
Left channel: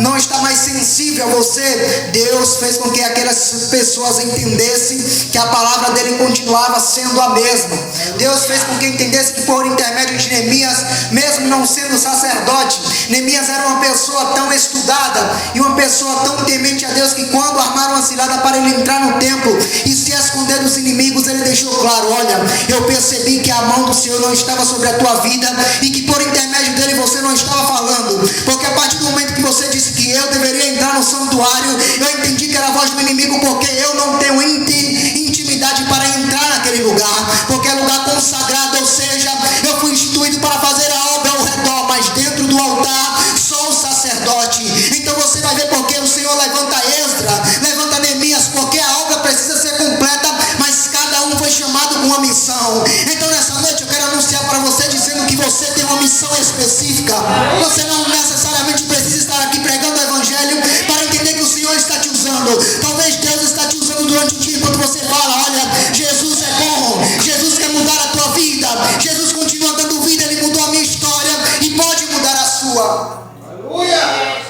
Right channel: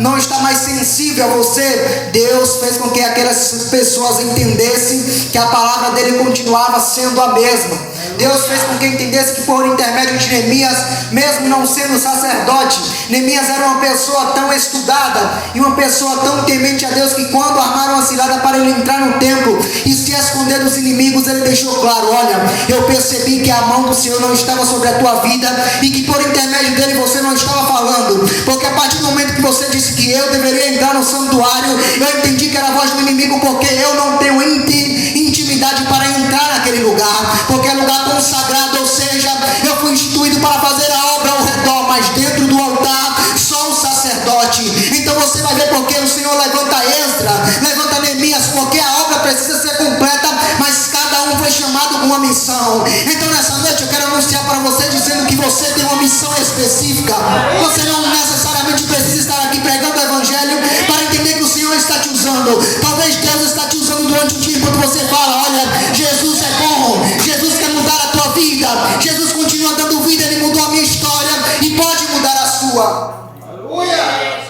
não está mais sensível a você. Deus fez com que aquelas pessoas entendessem que a palavra dele continuava sendo a mesma. Deus fez com que entendesse que por intermédio de Neemias, mesmo não sendo sacerdote, Neemias era uma pessoa tão estudada e uma pessoa tão temente a Deus, que quando armaram a cilada para ele entrar no templo e se esconder dos inimigos, ele deixou claro: olha, eu percebi que a mão do Senhor não estava sobre a tua vida e que por intermédio dele você não estava falando, porque a partir do momento que você disse que eu deveria entrar no santuário, eu entendi que era a voz do inimigo, porque eu não tenho intimidade para entrar naquele lugar, porque é lugar consagrado, ou seja, eu fui instituído para fazer a obra ao redor, mas dentro do altar só o sacerdote. Então você vai ver porque o Senhor levanta Esdras, levanta Neemias, porque a obra precisa ser completa, mas cada um foi chamado com uma missão. Então nessa noite eu quero anunciar para você, dizendo que você tem uma missão específica. Você não necessariamente precisa estar aqui pregando o Evangelho para entender que o Senhor está te usando. Talvez Deus está te usando durante o dia, enquanto você fala: olha, Jesus é bom, Jesus quer mudar a tua vida, Jesus continua dando vida, ele mudou a minha história e pode mudar a sua. Aleluia!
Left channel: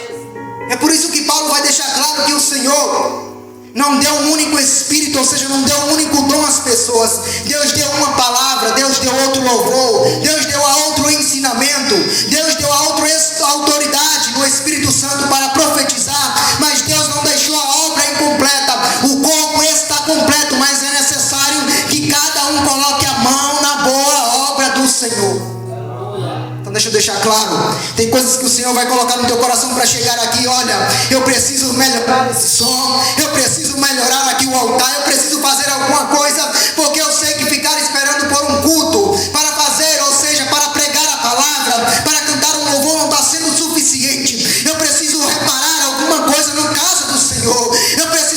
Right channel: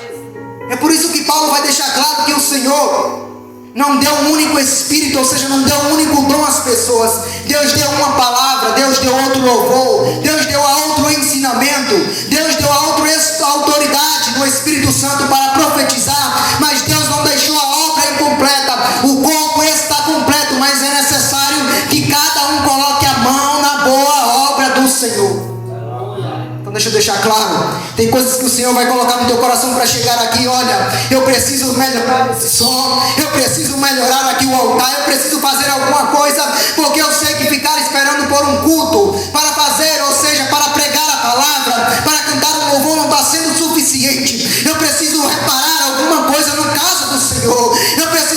É por isso que Paulo vai deixar claro que o Senhor não deu um único espírito, ou seja, não deu um único dom às pessoas. Deus deu uma palavra, Deus deu outro louvor, Deus deu a outro ensinamento, Deus deu a outra autoridade do Espírito Santo para profetizar, mas Deus não deixou a obra incompleta. O corpo está completo, mas é necessário que cada um coloque a mão na boa obra do Senhor. Deixa eu deixar claro, tem coisas que o Senhor vai colocar no teu coração para chegar aqui: olha, eu preciso melhorar esse som, eu preciso melhorar aqui o altar, eu preciso fazer alguma coisa, porque eu sei que ficar esperando por um culto para fazer, ou seja, para pregar a palavra, para cantar um louvor, não está sendo suficiente. Eu preciso reparar alguma coisa na casa do Senhor, eu preciso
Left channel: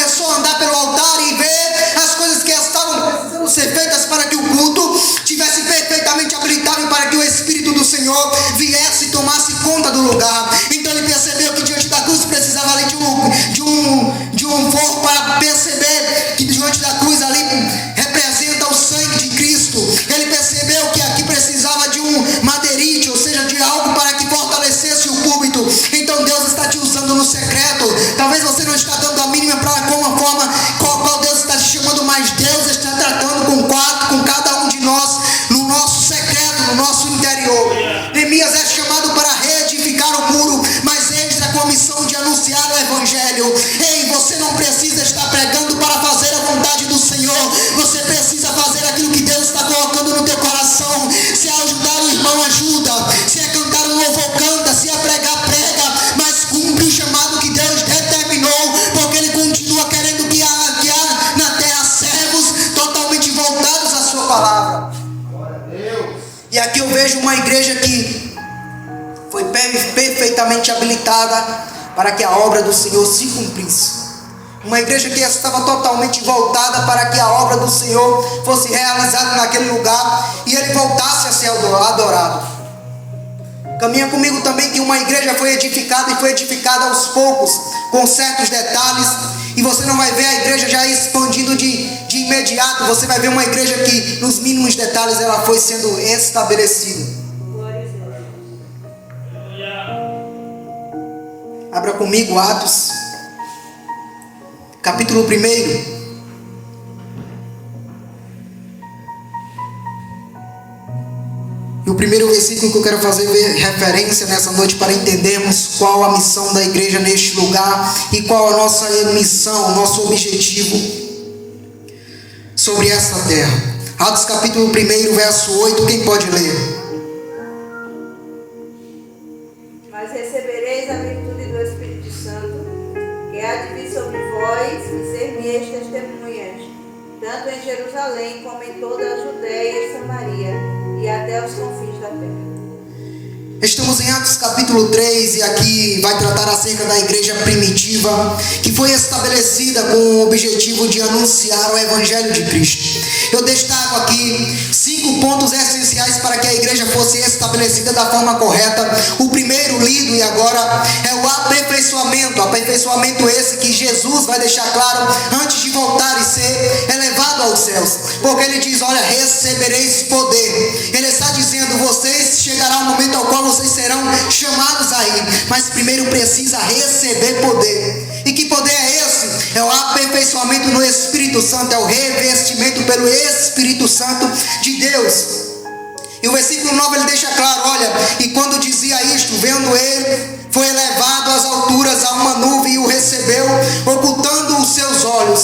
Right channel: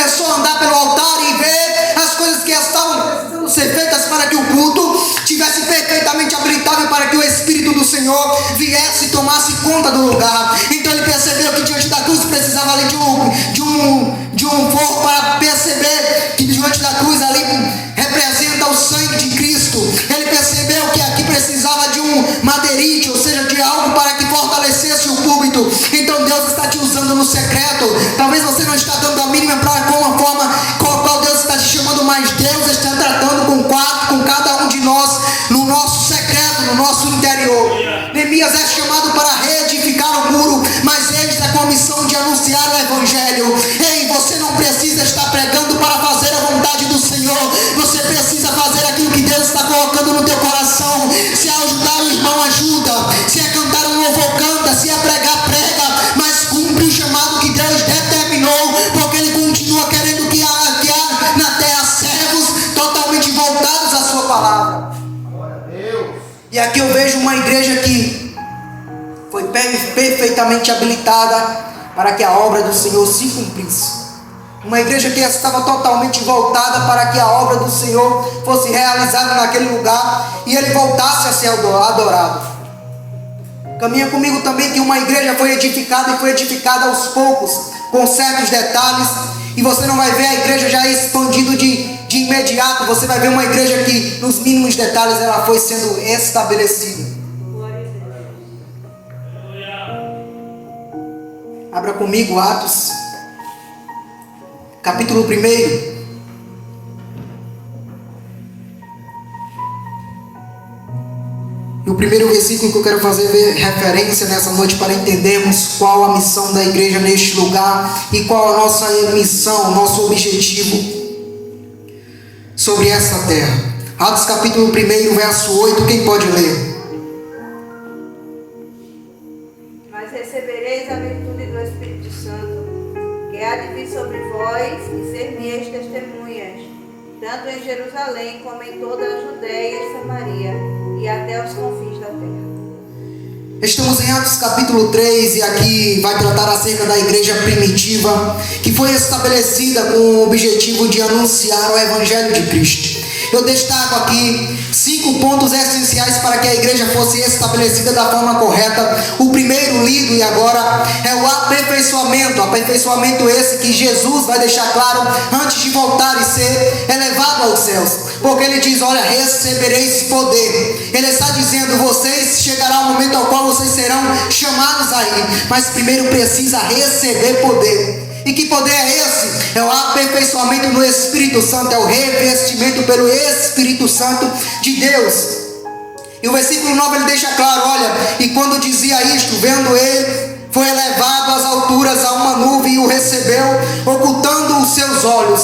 começou a andar pelo altar e ver as coisas que estavam precisando ser feitas para que o culto tivesse perfeitamente habilitado para que o Espírito do Senhor viesse e tomasse conta do lugar. Então ele percebeu que diante da cruz precisava ali de um fogo para perceber que diante da cruz ali representa o sangue de Cristo. Ele percebeu que aqui precisava de um madeirite, ou seja, de algo para que fortalecesse o púlpito. Então Deus está te usando no secreto. Talvez você não está dando a mínima para com a forma com a qual Deus está te chamando, mas Deus está tratando com cada um de nós no nosso secreto, no nosso interior. Neemias é chamado para reedificar o muro, mas ele está com a missão de anunciar o Evangelho. Ei, você não precisa estar pregando para fazer a vontade do Senhor. Você precisa fazer aquilo que Deus está colocando no teu coração. Se é ajudar o irmão, ajuda. Se é cantar um louvor, canta. Se é pregar, prega. Mas cumpre o chamado que Deus determinou, porque Ele continua querendo que há na terra servos totalmente voltados à sua palavra. E aqui eu vejo uma igreja que foi perfeitamente habilitada para que a obra do Senhor se cumprisse. Uma igreja que estava totalmente voltada para que a obra do Senhor fosse realizada naquele lugar e Ele voltasse a ser adorado. Caminha comigo também que uma igreja foi edificada e foi edificada aos poucos, com certos detalhes. E você não vai ver a igreja já expandindo de imediato. Você vai ver uma igreja que nos mínimos detalhes ela foi sendo estabelecida. Abra comigo Atos, capítulo 1. E o primeiro versículo que eu quero fazer referência nessa noite para entendermos qual a missão da igreja neste lugar e qual a nossa missão, o nosso objetivo sobre essa terra. Atos capítulo 1, verso 8, quem pode ler? Mas recebereis a virtude do Espírito Santo, que há de vir sobre vós, e ser minhas testemunhas, tanto em Jerusalém como em toda a Judeia e Samaria, e até os confins da terra. Estamos em Atos capítulo 3 e aqui vai tratar acerca da igreja primitiva que foi estabelecida com o objetivo de anunciar o Evangelho de Cristo. Eu destaco aqui 5 pontos essenciais para que a igreja fosse estabelecida da forma correta. O primeiro lido e agora é o aperfeiçoamento esse que Jesus vai deixar claro antes de voltar e ser elevado aos céus. Porque ele diz, olha, recebereis poder. Ele está dizendo, vocês chegará um momento ao qual vocês serão chamados aí, mas primeiro precisa receber poder. E que poder é esse? É o aperfeiçoamento no Espírito Santo, é o revestimento pelo Espírito Santo de Deus. E o versículo 9 ele deixa claro, olha, e quando dizia isto, vendo ele, foi elevado às alturas a uma nuvem e o recebeu, ocultando os seus olhos.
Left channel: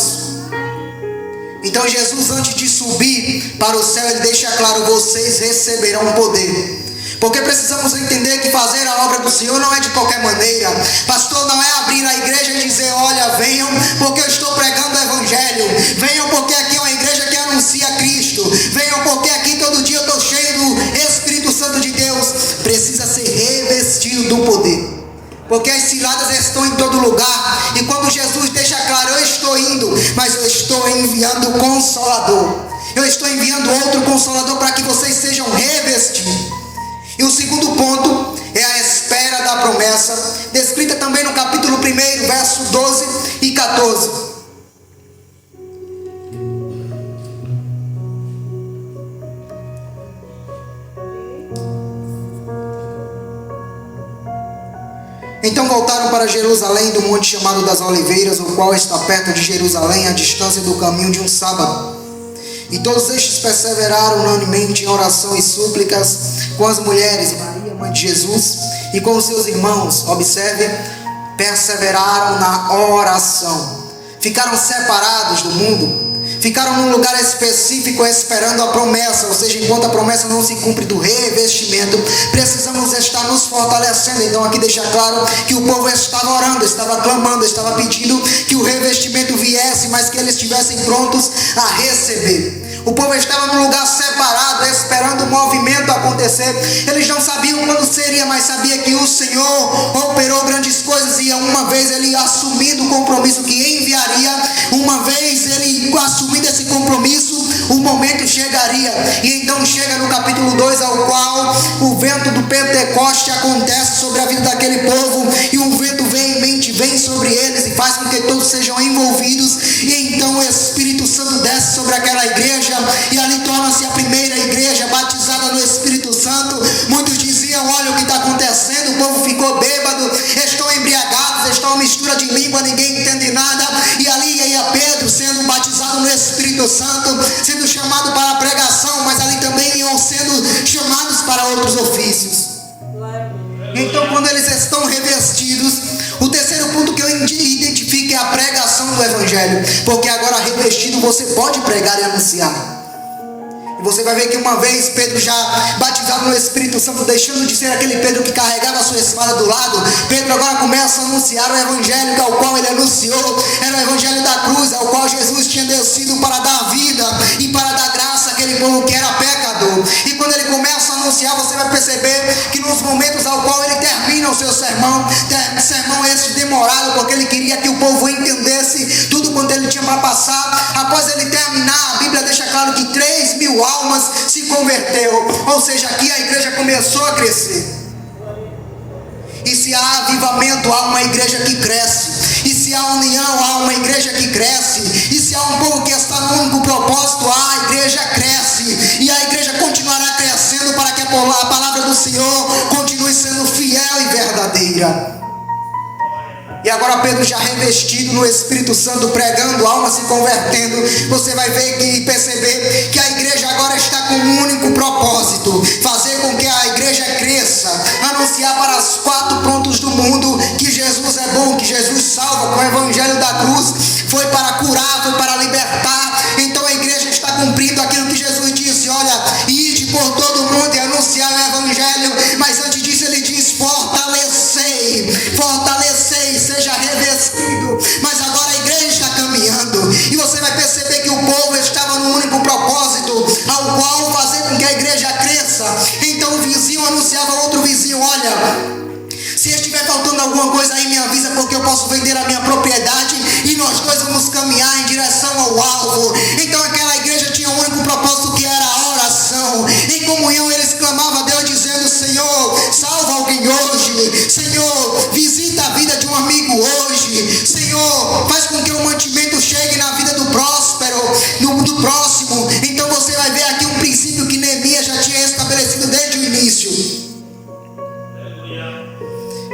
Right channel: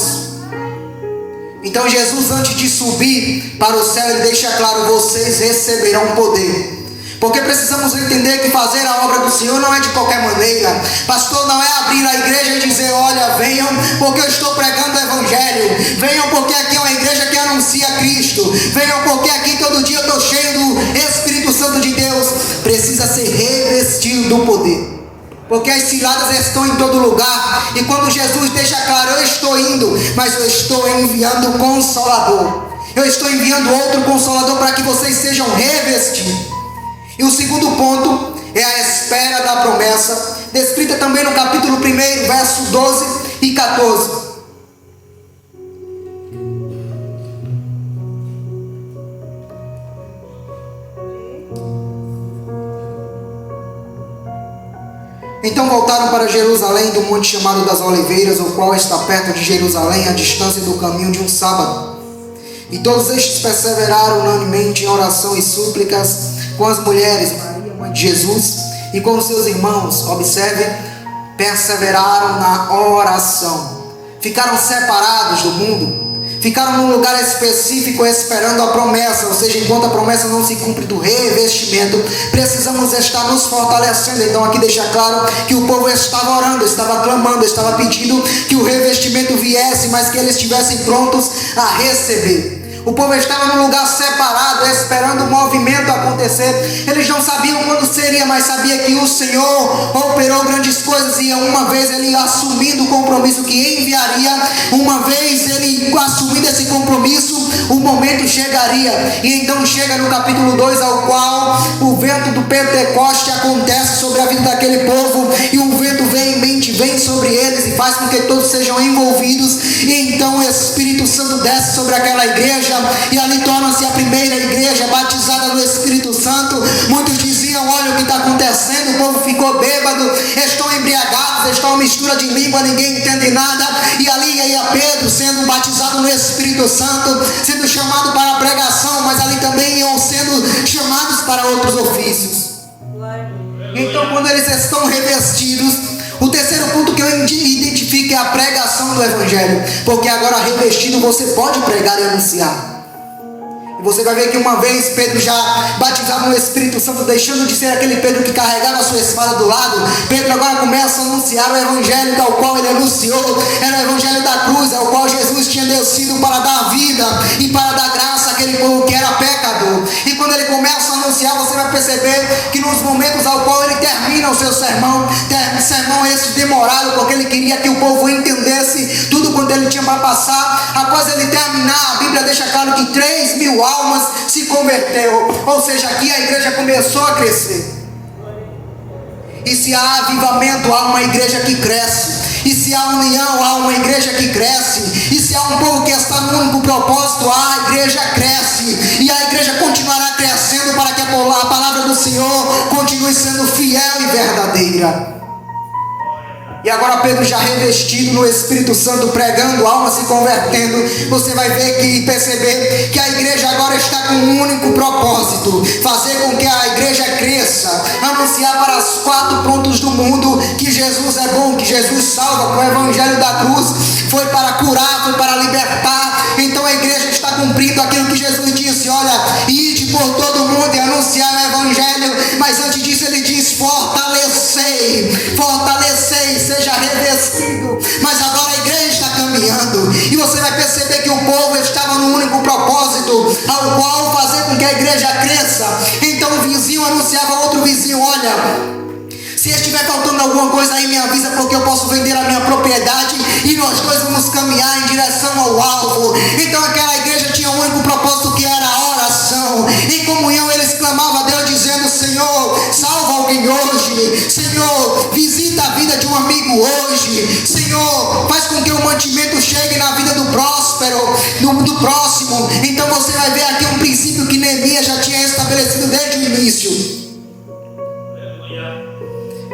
Então Jesus, antes de subir para o céu, ele deixa claro, vocês receberão poder. Porque precisamos entender que fazer a obra do Senhor não é de qualquer maneira. Pastor, não é abrir a igreja e dizer, olha, venham porque eu estou pregando o Evangelho. Venham porque aqui é uma igreja que anuncia Cristo. Venham porque aqui todo dia eu estou cheio do Espírito Santo de Deus. Precisa ser revestido do poder. Porque as ciladas estão em todo lugar. E quando Jesus deixa claro, eu estou indo, mas eu estou enviando o Consolador. Eu estou enviando outro Consolador para que vocês sejam revestidos. E o segundo ponto é a espera da promessa, descrita também no capítulo 1, verso 12 e 14. Então voltaram para Jerusalém do monte chamado das Oliveiras, o qual está perto de Jerusalém, à distância do caminho de um sábado. E todos estes perseveraram unanimemente em oração e súplicas com as mulheres, Maria, mãe de Jesus, e com os seus irmãos. Observe, perseveraram na oração. Ficaram separados do mundo. Ficaram num lugar específico esperando a promessa. Ou seja, enquanto a promessa não se cumpre do revestimento, precisamos estar nos fortalecendo. Então aqui deixa claro que o povo estava orando, estava clamando, estava pedindo que o revestimento viesse, mas que eles estivessem prontos a receber. O povo estava num lugar separado, esperando o movimento acontecer. Eles não sabiam quando seria, mas sabia que o Senhor operou grandes coisas. E uma vez ele assumindo o compromisso que enviaria, compromisso, o momento chegaria. E então chega no capítulo 2, ao qual o vento do Pentecoste acontece sobre a vida daquele povo, e um vento veemente vem sobre eles e faz com que todos sejam envolvidos, e então o Espírito Santo desce sobre aquela igreja, e ali torna-se a primeira igreja batizada no Espírito Santo. Muitos diziam: olha o que está acontecendo, o povo ficou bêbado, estão embriagados, estão uma mistura de língua, ninguém entende nada. E ali ia Pedro sendo batizado no Espírito Santo, sendo chamado para a pregação, mas ali também iam sendo chamados para outros ofícios. Então, quando eles estão revestidos, o terceiro ponto que eu identifico é a pregação do Evangelho, porque agora revestido você pode pregar e anunciar. E você vai ver que uma vez Pedro, já batizado no Espírito Santo, deixando de ser aquele Pedro que carregava a sua espada do lado, Pedro agora começa a anunciar o Evangelho ao qual ele anunciou. Era o Evangelho da cruz, ao qual Jesus tinha descido para dar vida e para dar graça àquele povo que era pecador. E quando ele começa a anunciar, você vai perceber que nos momentos ao qual ele termina o seu sermão esse demorado, porque ele queria que o povo entendesse tudo quanto ele tinha para passar. Após ele terminar, a Bíblia deixa claro que 3.000 almas se converteu, ou seja, aqui a igreja começou a crescer. E se há avivamento, há uma igreja que cresce. E se há união, há uma igreja que cresce. E se há um povo que está no único propósito, a igreja cresce. E a igreja continuará crescendo para que a palavra do Senhor continue sendo fiel e verdadeira. E agora Pedro, já revestido no Espírito Santo, pregando, almas se convertendo, você vai ver e perceber que a igreja agora está com um único propósito: fazer com que a igreja cresça, anunciar para os 4 pontos do mundo que Jesus é bom, que Jesus salva. Com o Evangelho da cruz foi para curar, foi para libertar. Então a igreja está cumprindo aquilo que Jesus disse: olha, ide por todo mundo e anunciar o Evangelho. Mas antes disso ele diz: fortalecei, seja revestido. Mas agora a igreja está caminhando, e você vai perceber que o povo estava no único propósito, ao qual fazer com que a igreja cresça. Então o vizinho anunciava ao outro vizinho: olha, se estiver faltando alguma coisa aí, me avisa, porque eu posso vender a minha propriedade e nós dois vamos caminhar em direção ao alvo. Então aquela igreja tinha um único propósito, que era a oração. Em comunhão eles clamavam a Deus dizendo: Senhor, salva alguém hoje. Senhor, visita a vida de um amigo hoje. Senhor, faz com que o mantimento chegue na vida do próspero, do próximo. Então você vai ver aqui um princípio que Neemias já tinha estabelecido desde o início,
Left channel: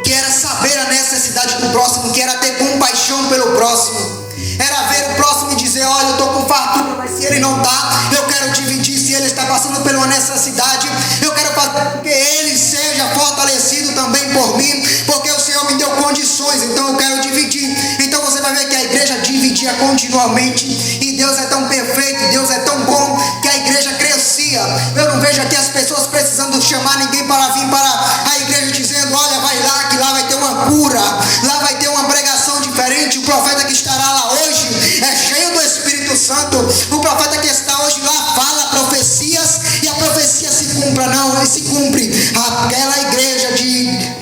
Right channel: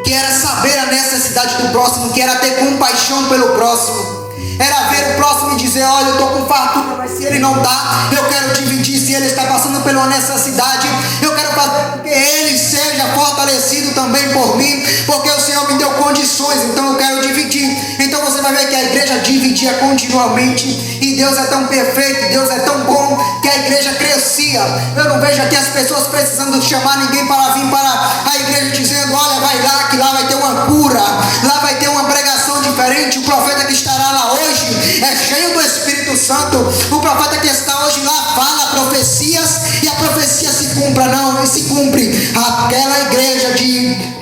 que era saber a necessidade do próximo, que era ter compaixão pelo próximo, era ver o próximo e dizer: olha, eu estou com fartura, mas se ele não dá, eu quero dividir. Se ele está passando por uma necessidade, eu quero fazer com que ele seja fortalecido também por mim, porque o Senhor me deu condições, então eu quero dividir. Então você vai ver que a igreja dividia continuamente, e Deus é tão perfeito, Deus é tão bom, que a igreja crescia. Eu não vejo aqui as pessoas precisando chamar ninguém para vir para a igreja dizendo: olha, vai lá, que lá vai ter uma cura, lá vai ter uma pregação diferente. O profeta que estará lá hoje é cheio do Espírito Santo. O profeta que está hoje lá fala profecias, e a profecia se cumpra, não, se cumpre. Aquela igreja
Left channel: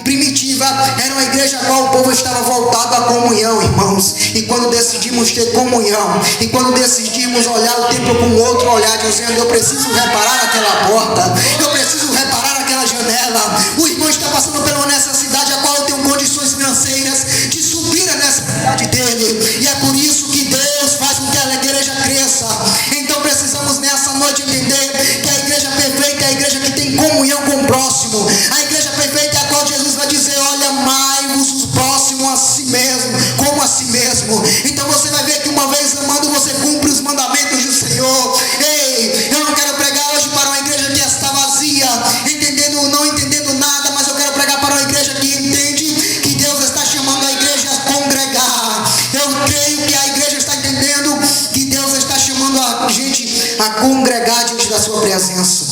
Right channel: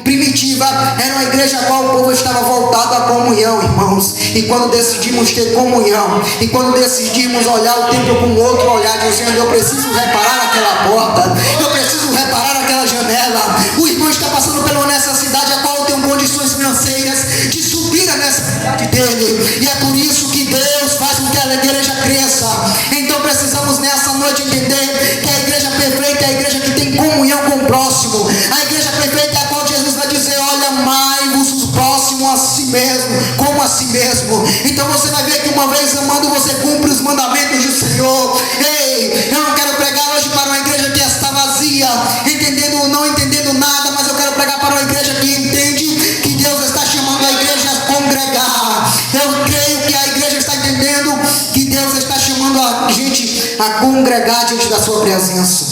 primitiva era uma igreja a qual o povo estava voltado à comunhão, irmãos. E quando decidimos ter comunhão, e quando decidimos olhar o templo com outro olhar, dizendo: eu preciso reparar aquela porta, eu preciso reparar aquela janela. O irmão está passando por uma necessidade a qual eu tenho condições financeiras de subir a necessidade dele, e é por isso que Deus faz com que a igreja cresça. Então precisamos nessa noite entender que a igreja perfeita é a igreja que tem comunhão com o próximo. A igreja perfeita é a qual Jesus vai dizer: olha, amai-vos o próximo a si mesmo, como a si mesmo. Então você vai ver que uma vez amando, você cumpre os mandamentos do Senhor. Ei, eu não quero pregar hoje para uma igreja que está vazia, entendendo ou não entendendo nada, mas eu quero pregar para uma igreja que entende que Deus está chamando a igreja a congregar. Eu creio que a igreja está entendendo que Deus está chamando a gente a congregar diante da sua presença,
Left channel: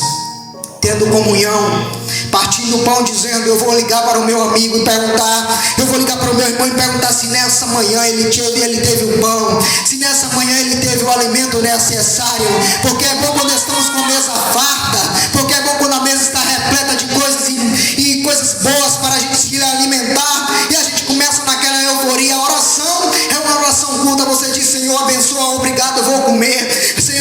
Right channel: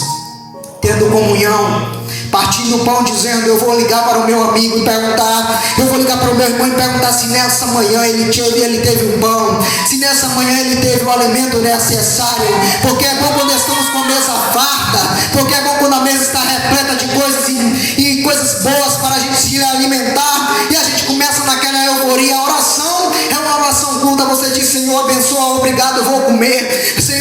tendo comunhão, partindo o pão, dizendo: eu vou ligar para o meu amigo e perguntar, eu vou ligar para o meu irmão e perguntar se nessa manhã ele teve o pão, se nessa manhã ele teve o alimento necessário. Porque é bom quando estamos com a mesa farta, porque é bom quando a mesa está repleta de coisas e coisas boas para a gente se alimentar, e a gente começa naquela euforia. A oração é uma oração curta, você diz: Senhor, abençoa, obrigado, eu vou comer. Senhor,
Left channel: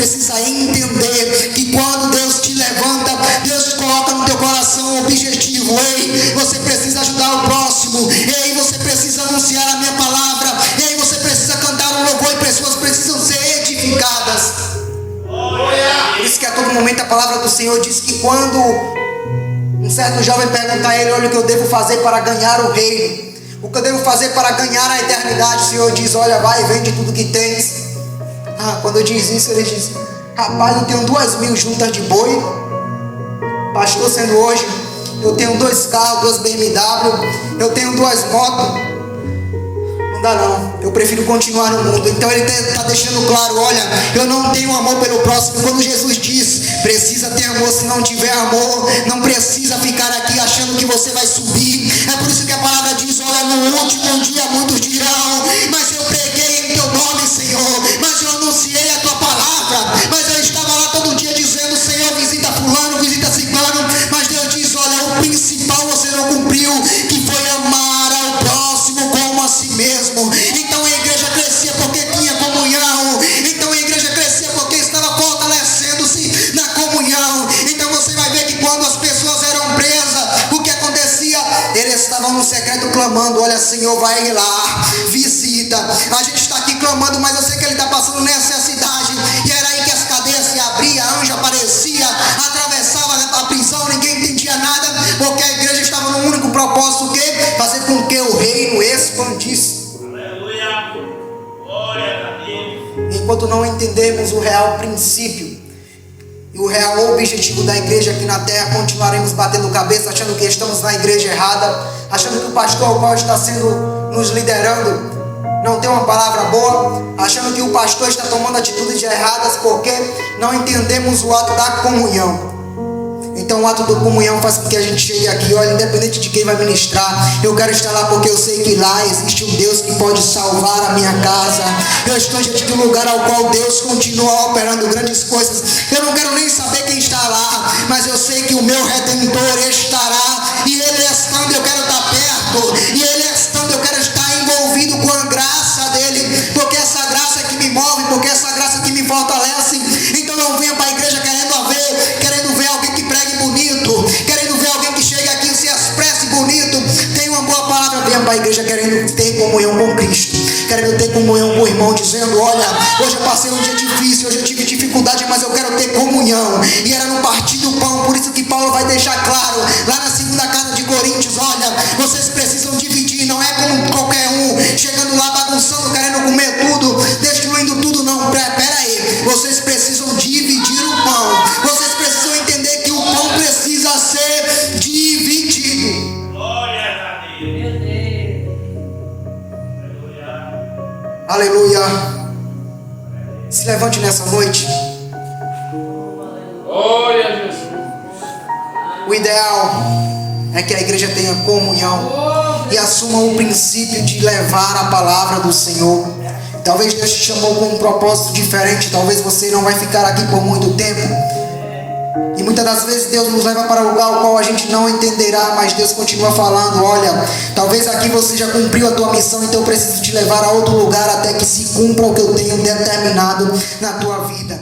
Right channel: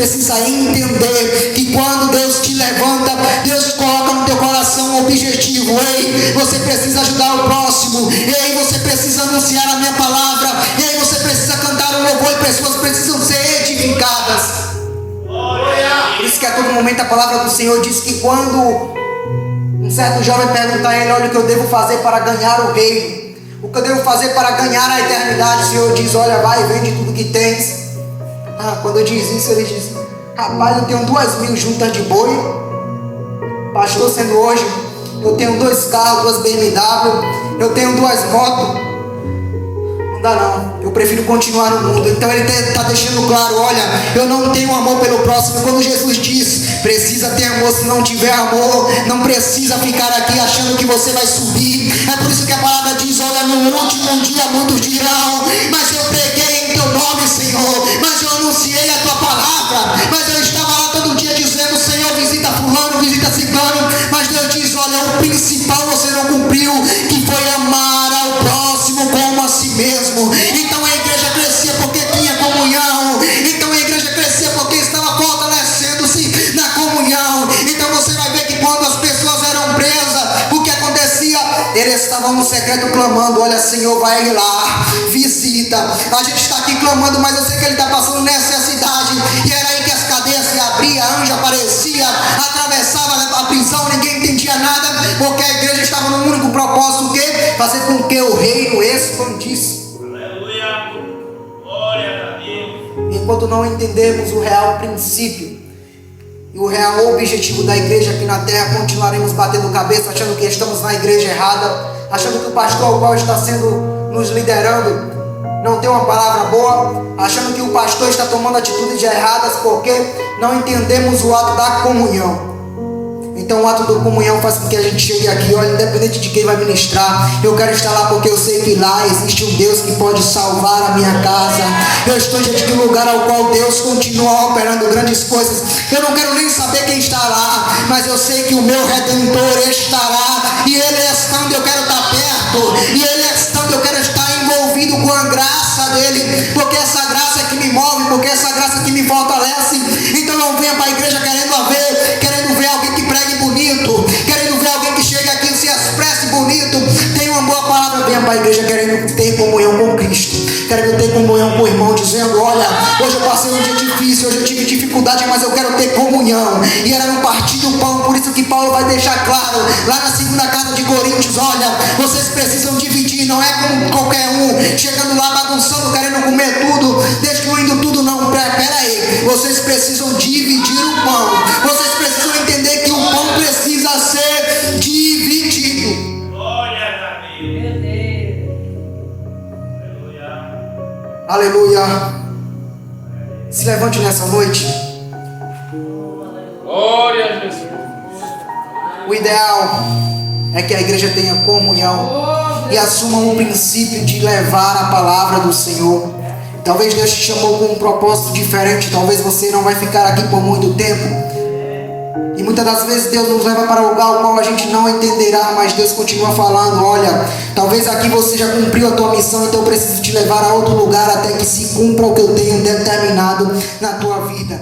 precisa entender que quando Deus te levanta, Deus coloca no teu coração um objetivo. Ei, você precisa ajudar o próximo. Ei, você precisa anunciar a minha palavra. Ei, você precisa cantar um louvor e pessoas precisam ser edificadas. Por isso que a todo momento a palavra do Senhor diz que quando um certo jovem pergunta a ele: olha, o que eu devo fazer para ganhar o reino? O que eu devo fazer para ganhar a eternidade? O Senhor diz: olha, vai e vende tudo que tens. Quando eu diz isso, ele diz: rapaz, eu tenho 2.000 juntas de boi. Pastor, sendo hoje, eu tenho 2 carros, 2 BMW, eu tenho 2 motos. Não dá não, eu prefiro continuar no mundo. Então ele está deixando claro: olha, eu não tenho amor pelo próximo. Quando Jesus diz: precisa ter amor, se não tiver amor, não precisa ficar aqui achando que você vai subir. É por isso que a palavra diz: olha, no último dia muitos dirão: mas eu preguei em teu nome, Senhor, mas eu anunciei a tua palavra, mas eu estava lá todo dia dizendo: Senhor, visita fulano, visita ciclano. Mas Deus diz: olha, o principal você não cumpriu, que foi amar ao próximo como a si mesmo. Então a igreja crescia porque tinha comunhão. Então a igreja crescia porque estava fortalecendo-se na comunhão. Então você vai ver que quando as pessoas eram presas, o que acontecia? Eles estavam no secreto clamando: olha, Senhor, vai lá, visita. A gente está aqui clamando, mas eu sei que ele está passando necessidade. E era aí que as cadeias se abriam, a anjo aparecia, atravessava a prisão, ninguém entendia nada, porque a igreja estava num único propósito: o quê? Fazer com que o reino expandisse. Aleluia. Glória a Deus. Enquanto não entendermos o real princípio e o real objetivo da igreja aqui na terra, continuaremos batendo cabeça, achando que estamos na igreja errada, achando que o pastor ao qual está sendo nos liderando não tem uma palavra boa, achando que o pastor está tomando atitudes erradas porque não entendemos o ato da comunhão. Então o ato da comunhão faz com que a gente chegue aqui: olha, independente de quem vai ministrar, eu quero estar lá porque eu sei que lá existe um Deus que pode salvar a minha casa. Eu estou diante de um lugar ao qual Deus continua operando grandes coisas. Eu não quero nem saber quem está lá, mas eu sei que o meu Redentor estará. E Ele estando, eu quero estar perto. E Ele estando, eu quero estar envolvido com a graça dEle, porque essa graça é que me move, porque essa graça é que me fortalece. Então não venha para a igreja querendo ver alguém que pregue bonito, querendo ver alguém que chegue aqui e se expresse bonito, tenha uma boa palavra. Venha para a igreja querendo ter comunhão com Cristo, querendo ter comunhão com o irmão, dizendo: olha, hoje eu passei um dia difícil, hoje eu tive dificuldade, mas eu quero ter comunhão. E era no partir do pão. Por isso que Paulo vai deixar claro lá na 2ª carta de Coríntios: olha, vocês precisam dividir. Não é como qualquer um chegando lá bagunçando, querendo comer tudo, destruindo tudo. Não, pera aí, vocês precisam dividir o pão. Vocês precisam entender que o pão precisa ser dividido. Glória a Deus. Meu Deus. Aleluia. Aleluia. Se levante nessa noite. Glória a Jesus. O ideal é que a igreja tenha comunhão e assuma o princípio de levar a palavra do Senhor. Talvez Deus te chamou com um propósito diferente. Talvez você não vai ficar aqui por muito tempo. E muitas das vezes Deus nos leva para um lugar ao qual a gente não entenderá, mas Deus continua falando: olha, talvez aqui você já cumpriu a tua missão, então eu preciso te levar a outro lugar até que se cumpra o que eu tenho determinado na tua vida.